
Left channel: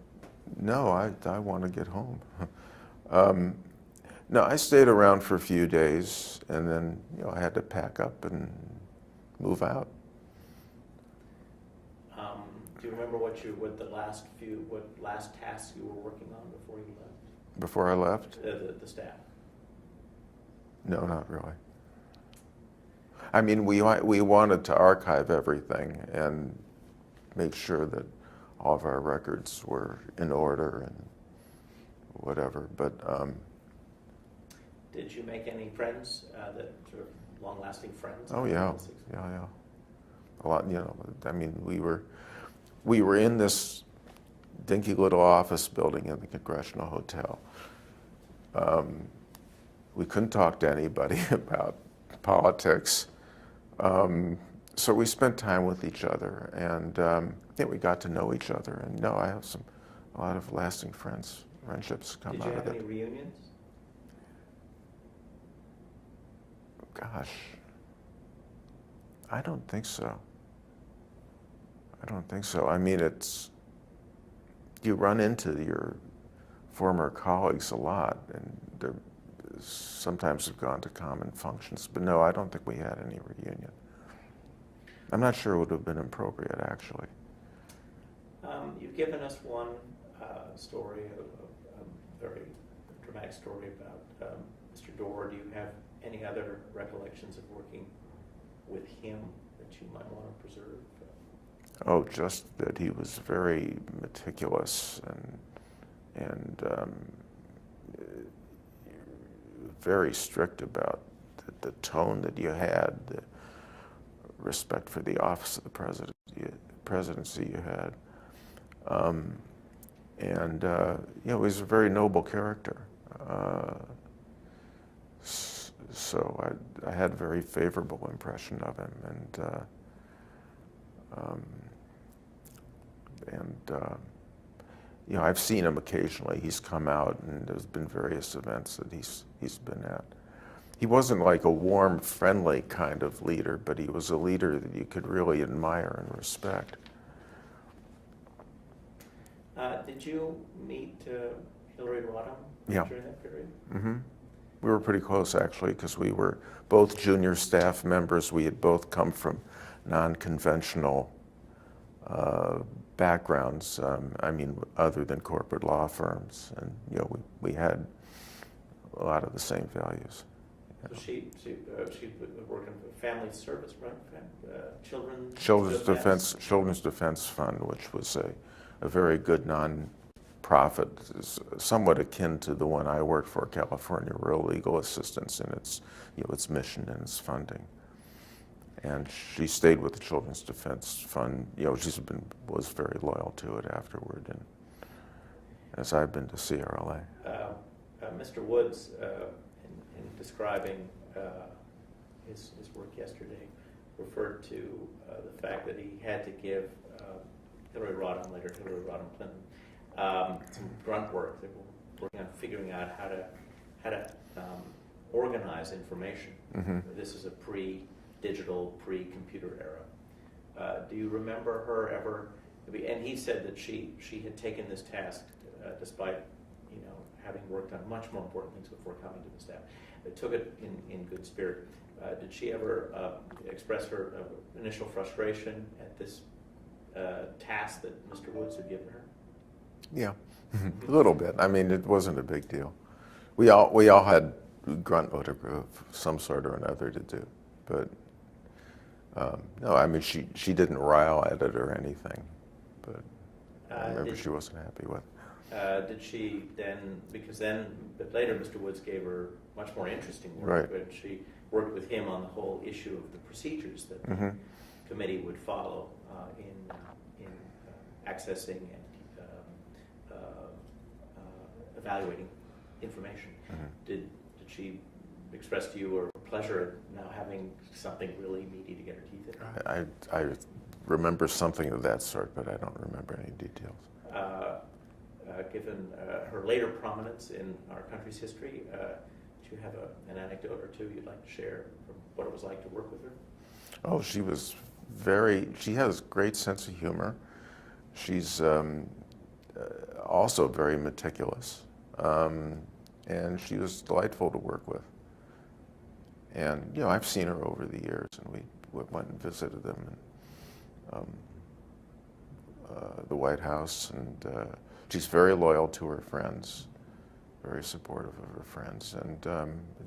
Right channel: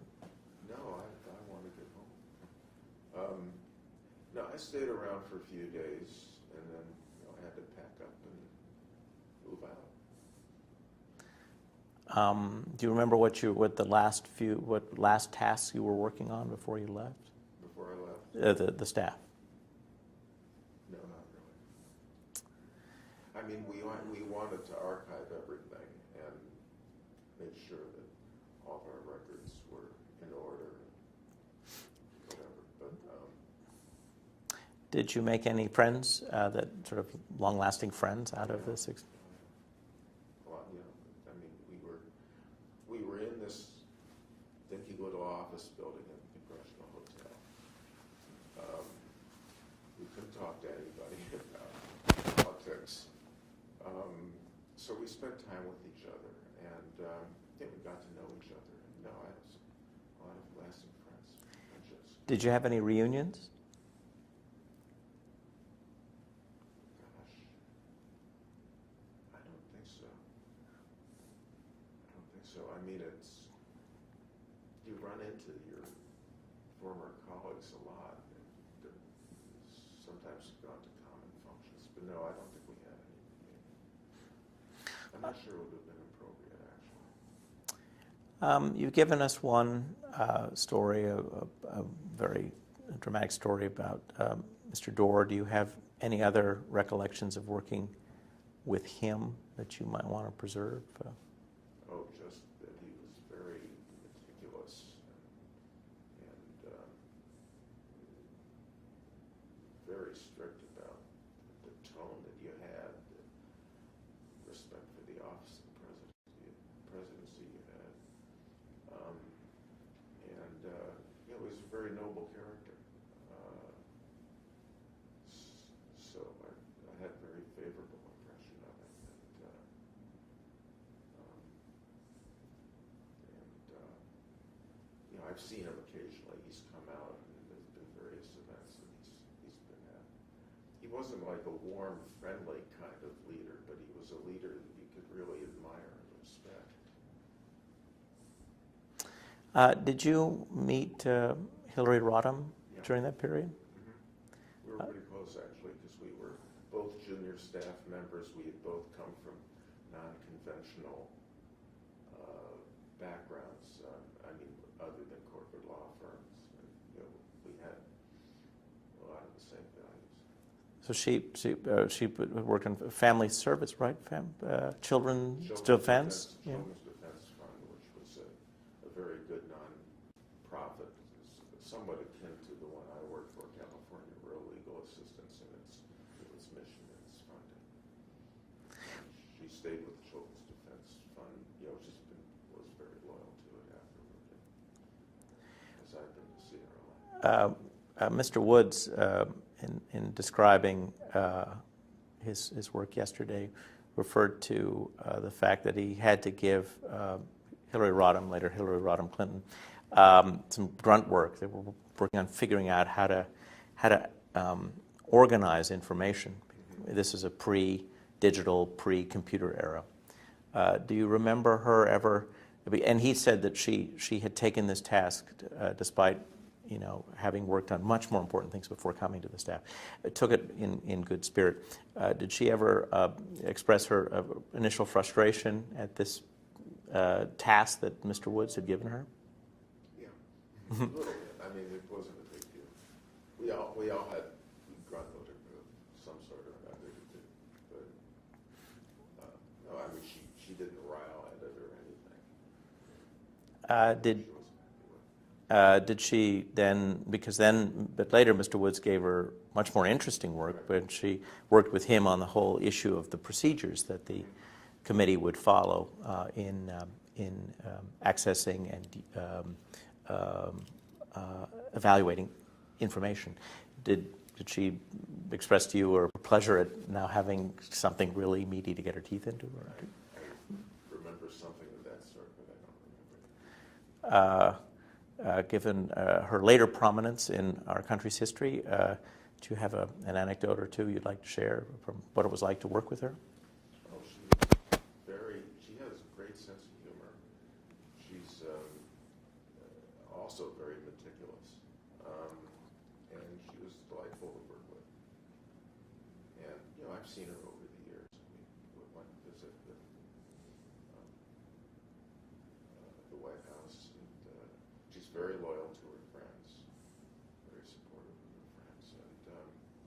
No, I want to get home. No, I stayed around for a few days, and then I had to pack up and move out. Do you remember what last tasks you were working on before you left? Before I left? The staff. No, not really. I mean, we wanted to archive everything and make sure that all of our records were in order and whatever, but. Did you make any friends, that sort of long-lasting friends? Oh yeah, yeah. A lot, I mean, we were in this dinky little office building in the Congressional Hotel. We couldn't talk to anybody about politics, so we spent time with each other, and we got to know each other. And I have a lot of lasting friends friendships come Did you out have of any it. reunions? Gosh, I don't think so. I don't think so. I mean, you run into your former colleagues a lot, and they sometimes have gone to common functions. But no, I don't think we had any reunion. I'm not sure it would have been appropriate, actually. You've given us one story, a very dramatic story about Mr. Dorr. Do you have any other recollections of working with him that you might want to preserve? Oh, just that he was very meticulous and very strict about the tone that you had, the respect for the office of the presidency you had. He was a very noble character. So I had a very favorable impression of him, I've seen him occasionally. He's come out, and there's been various events that he's been at. He wasn't like a warm, friendly kind of leader, but he was a leader that you could really admire and respect. Did you meet Hillary Rodham during that period? Mm-hmm. We were pretty close, actually, because we were both junior staff members. We had both come from non-conventional backgrounds, other than corporate law firms. And, we had a lot of the same values. So she worked on family service, right? Children's Defense Fund, which was a very good non-profit, somewhat akin to the one I worked for, California Rural Legal Assistance, in its mission and its funding. And she stayed with the Children's Defense Fund. Was very loyal to it afterward, and as I've been to CRLA. Mr. Woods, in describing his work yesterday, referred to the fact that he had to give Hillary Rodham, later Hillary Rodham Clinton, some grunt work. They were working on figuring out how to organize information. Mm-hmm. This is a pre-digital, pre-computer era. Do you remember her ever? And he said that she had taken this task despite having worked on much more important things before coming to the staff. Took it in good spirit. Did she ever express her initial frustration at this task that Mr. Woods had given her? Yeah, a little bit. I mean, it wasn't a big deal. We all had grunt work of some sort or another to do, but no, I mean, she didn't rile at it or anything, but she wasn't happy with. Did she then, but later Mr. Woods gave her much more interesting work, right. But she worked with him on the whole issue of the procedures that the mm-hmm. committee would follow in accessing and evaluating information. Mm-hmm. Did she express to you her pleasure at now having something really meaty to get her teeth into? I remember something of that sort, but I don't remember any details. Given her later prominence in our country's history, do you have an anecdote or two you'd like to share from what it was like to work with her? Oh, she has a great sense of humor. She's also very meticulous, and she was delightful to work with. And, I've seen her over the years, and we went and visited them in the White House, and she's very loyal to her friends, very supportive of her friends, and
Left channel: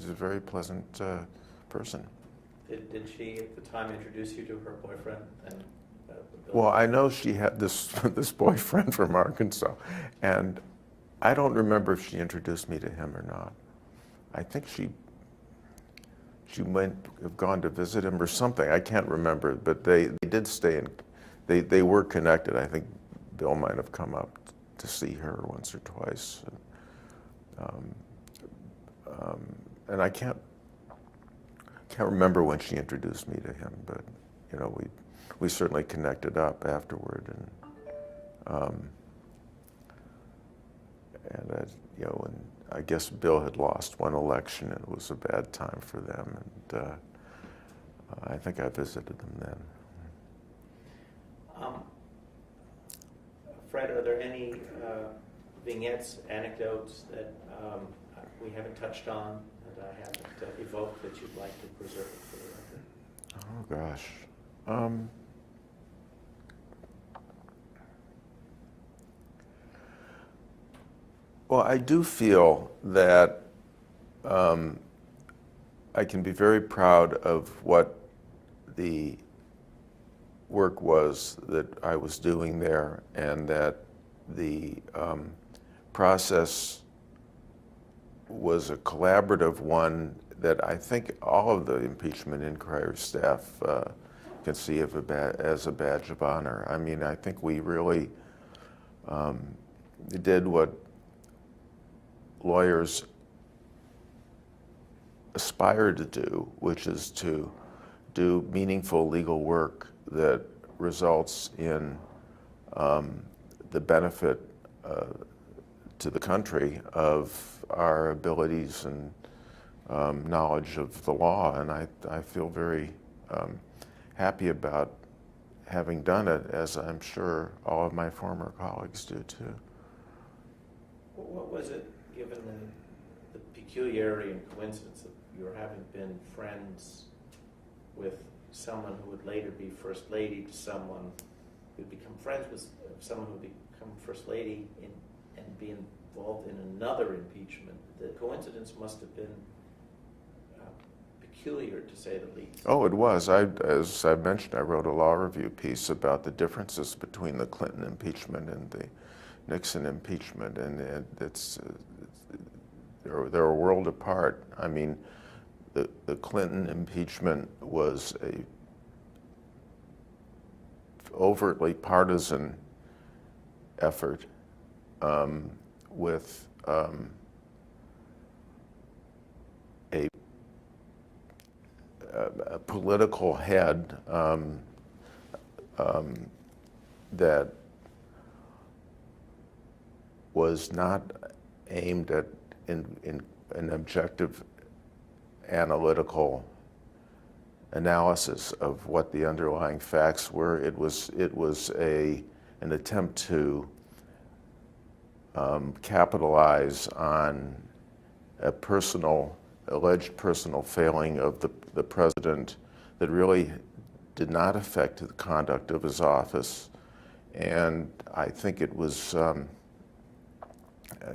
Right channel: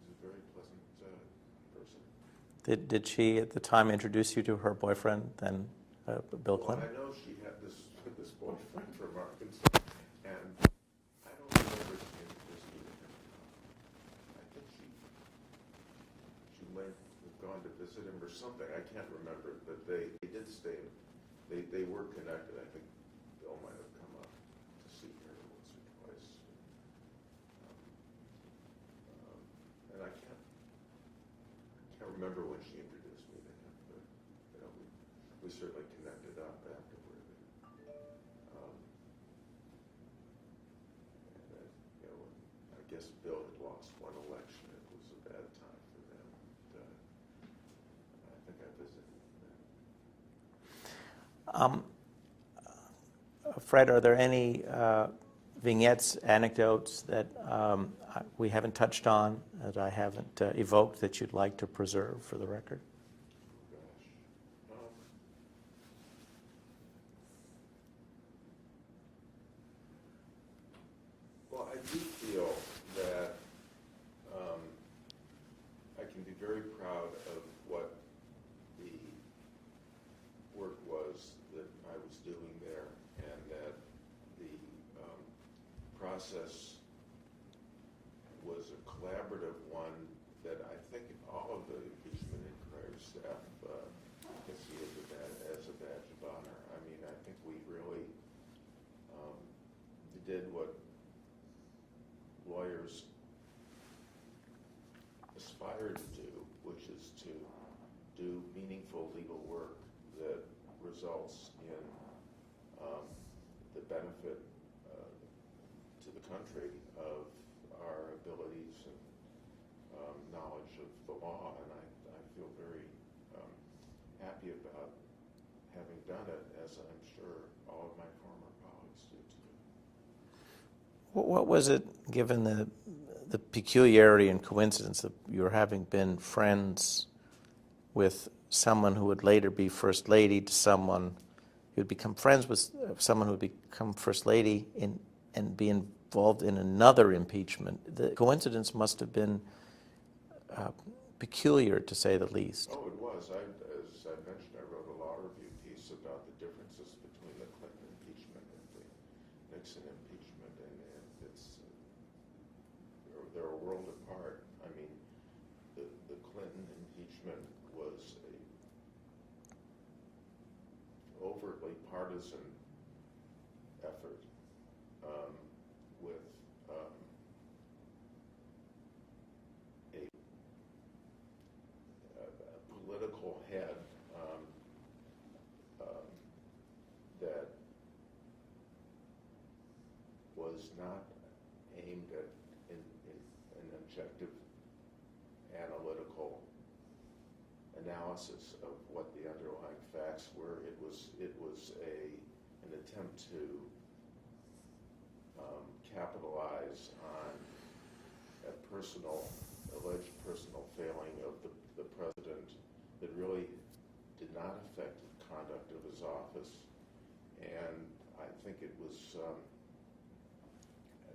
is a very pleasant person. Did she at the time introduce you to her boyfriend then? Bill? Well, I know she had this boyfriend from Arkansas, and I don't remember if she introduced me to him or not. I think she might have gone to visit him or something. I can't remember, but they did stay in. They were connected. I think Bill might have come up to see her once or twice, and I can't remember when she introduced me to him, but we certainly connected up afterward, and and I guess Bill had lost one election, and it was a bad time for them, and I think I visited them then. Fred, are there any vignettes, anecdotes that we haven't touched on, that I haven't evoked, that you'd like to preserve for the record? Oh, gosh. Well, I do feel that I can be very proud of what the work was that I was doing there, and that the process was a collaborative one that I think all of the impeachment inquiry staff can see as a badge of honor. I mean, I think we really did what lawyers aspire to do, which is to do meaningful legal work that results in the benefit to the country of our abilities and knowledge of the law. And I feel very happy about having done it, as I'm sure all of my former colleagues do too. What was it, given the peculiarity and coincidence of your having been friends with someone who would later be First Lady, to someone who would become friends with someone who would become First Lady and be involved in another impeachment? The coincidence must have been peculiar, to say the least. Oh, it was. As I mentioned, I wrote a law review piece about the differences between the Clinton impeachment and the Nixon impeachment, and they're a world apart. I mean, the Clinton impeachment was a overtly partisan effort with a political head that was not aimed at an objective analytical analysis of what the underlying facts were. It was an attempt to capitalize on a alleged personal failing of the president that really did not affect the conduct of his office. And I think it was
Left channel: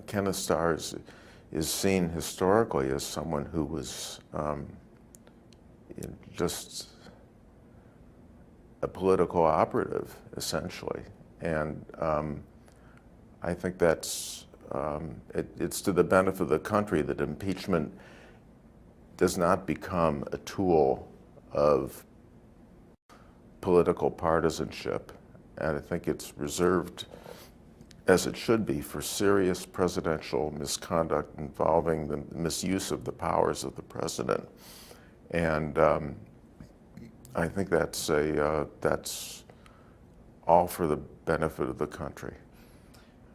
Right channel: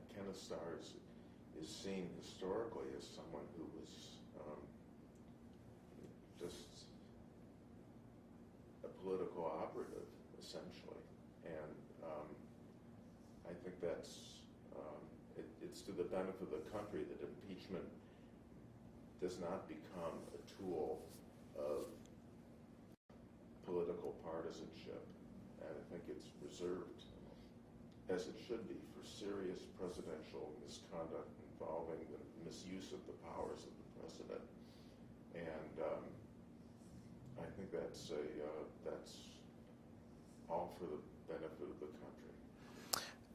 Kenneth Starr is seen historically as someone who was just a political operative, essentially. And I think that's it's to the benefit of the country that impeachment does not become a tool of political partisanship. And I think it's reserved, as it should be, for serious presidential misconduct involving the misuse of the powers of the president. And I think that's all for the benefit of the country.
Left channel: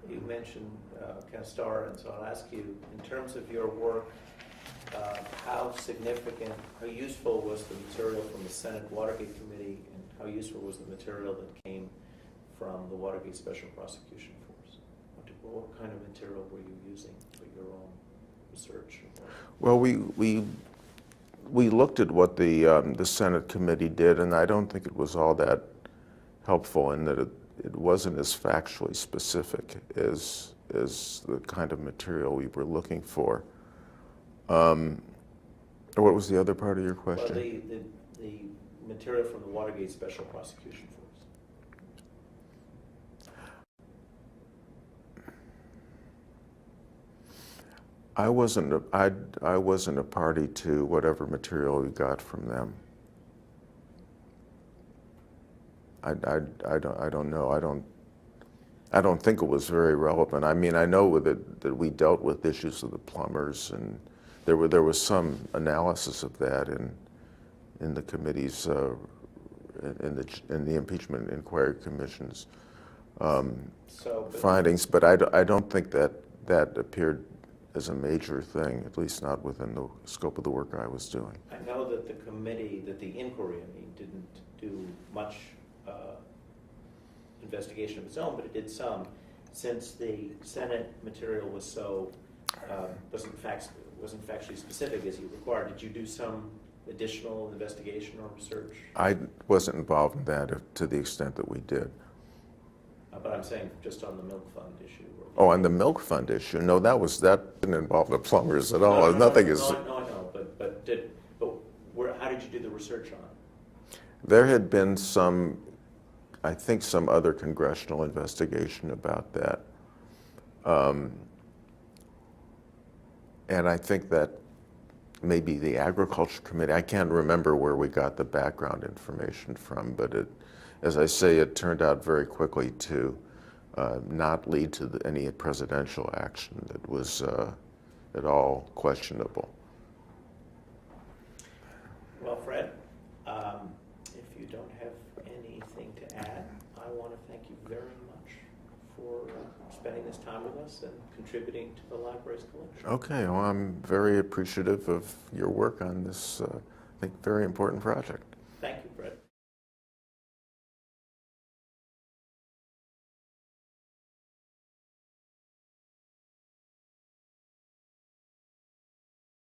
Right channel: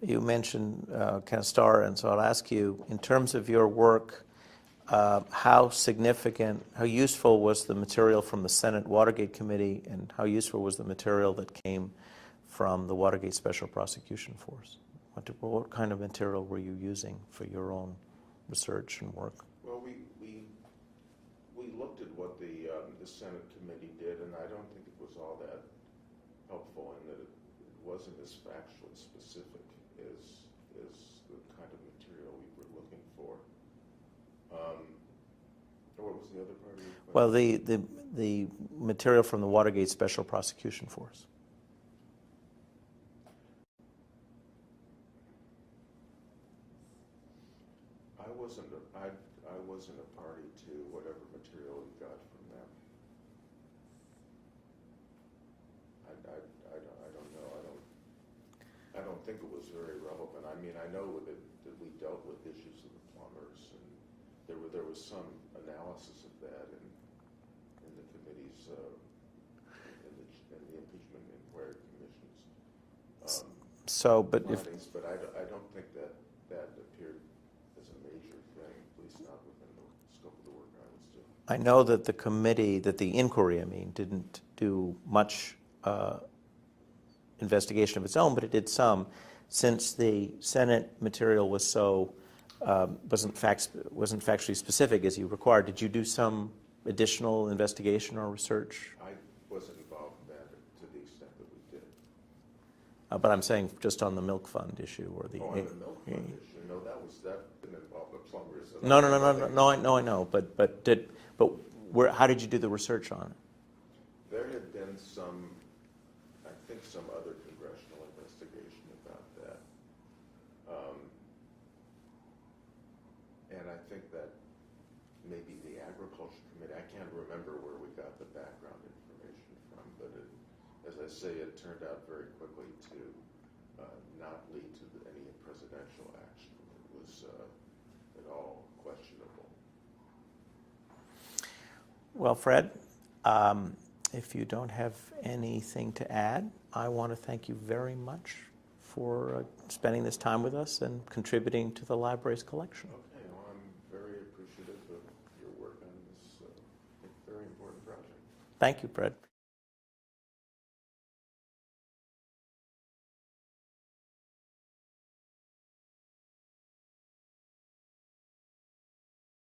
You mentioned Kenneth Starr, and so I'll ask you, in terms of your work, how significant, how useful was the material from the Senate Watergate Committee, and how useful was the material that came from the Watergate Special Prosecution Force? What kind of material were you using for your own research and work? Well, we looked at what the Senate committee did, and I don't think it was all that helpful in that it wasn't as factually specific as the kind of material we were looking for. What was the other part of your question? Well, the material from the Watergate Special Prosecution Force. I wasn't a party to whatever material we got from them. I don't know. I don't think it was very relevant. I mean, I know that we dealt with issues of the plumbers, and there was some analysis of that in the committee's in the impeachment inquiry commission's findings, but I don't think that appeared as a major thing, at least not within the scope of the work I was doing. I know that the committee, that the inquiry, didn't do much investigation of its own, but it did some. Since the Senate material was so wasn't factually specific as you required, did you do some additional investigation or research? I wasn't involved in that to the extent that we did. But I'm saying just on the milk fund issue, or the On the milk fund issue, no, that didn't involve the plumbers at all. no, Nothing is. no, I know, but how did you do the research on it? There had been I think some other congressional investigation about that. And I think that maybe the Agriculture Committee, I can't remember where we got the background information from, but as I say, it turned out very quickly to not lead to any presidential action that was at all questionable. Well, Fred, if you don't have anything to add, I want to thank you very much for spending this time with us and contributing to the library's collection. Okay, well, I'm very appreciative of your work on this, I think, very important project. Thank you, Fred.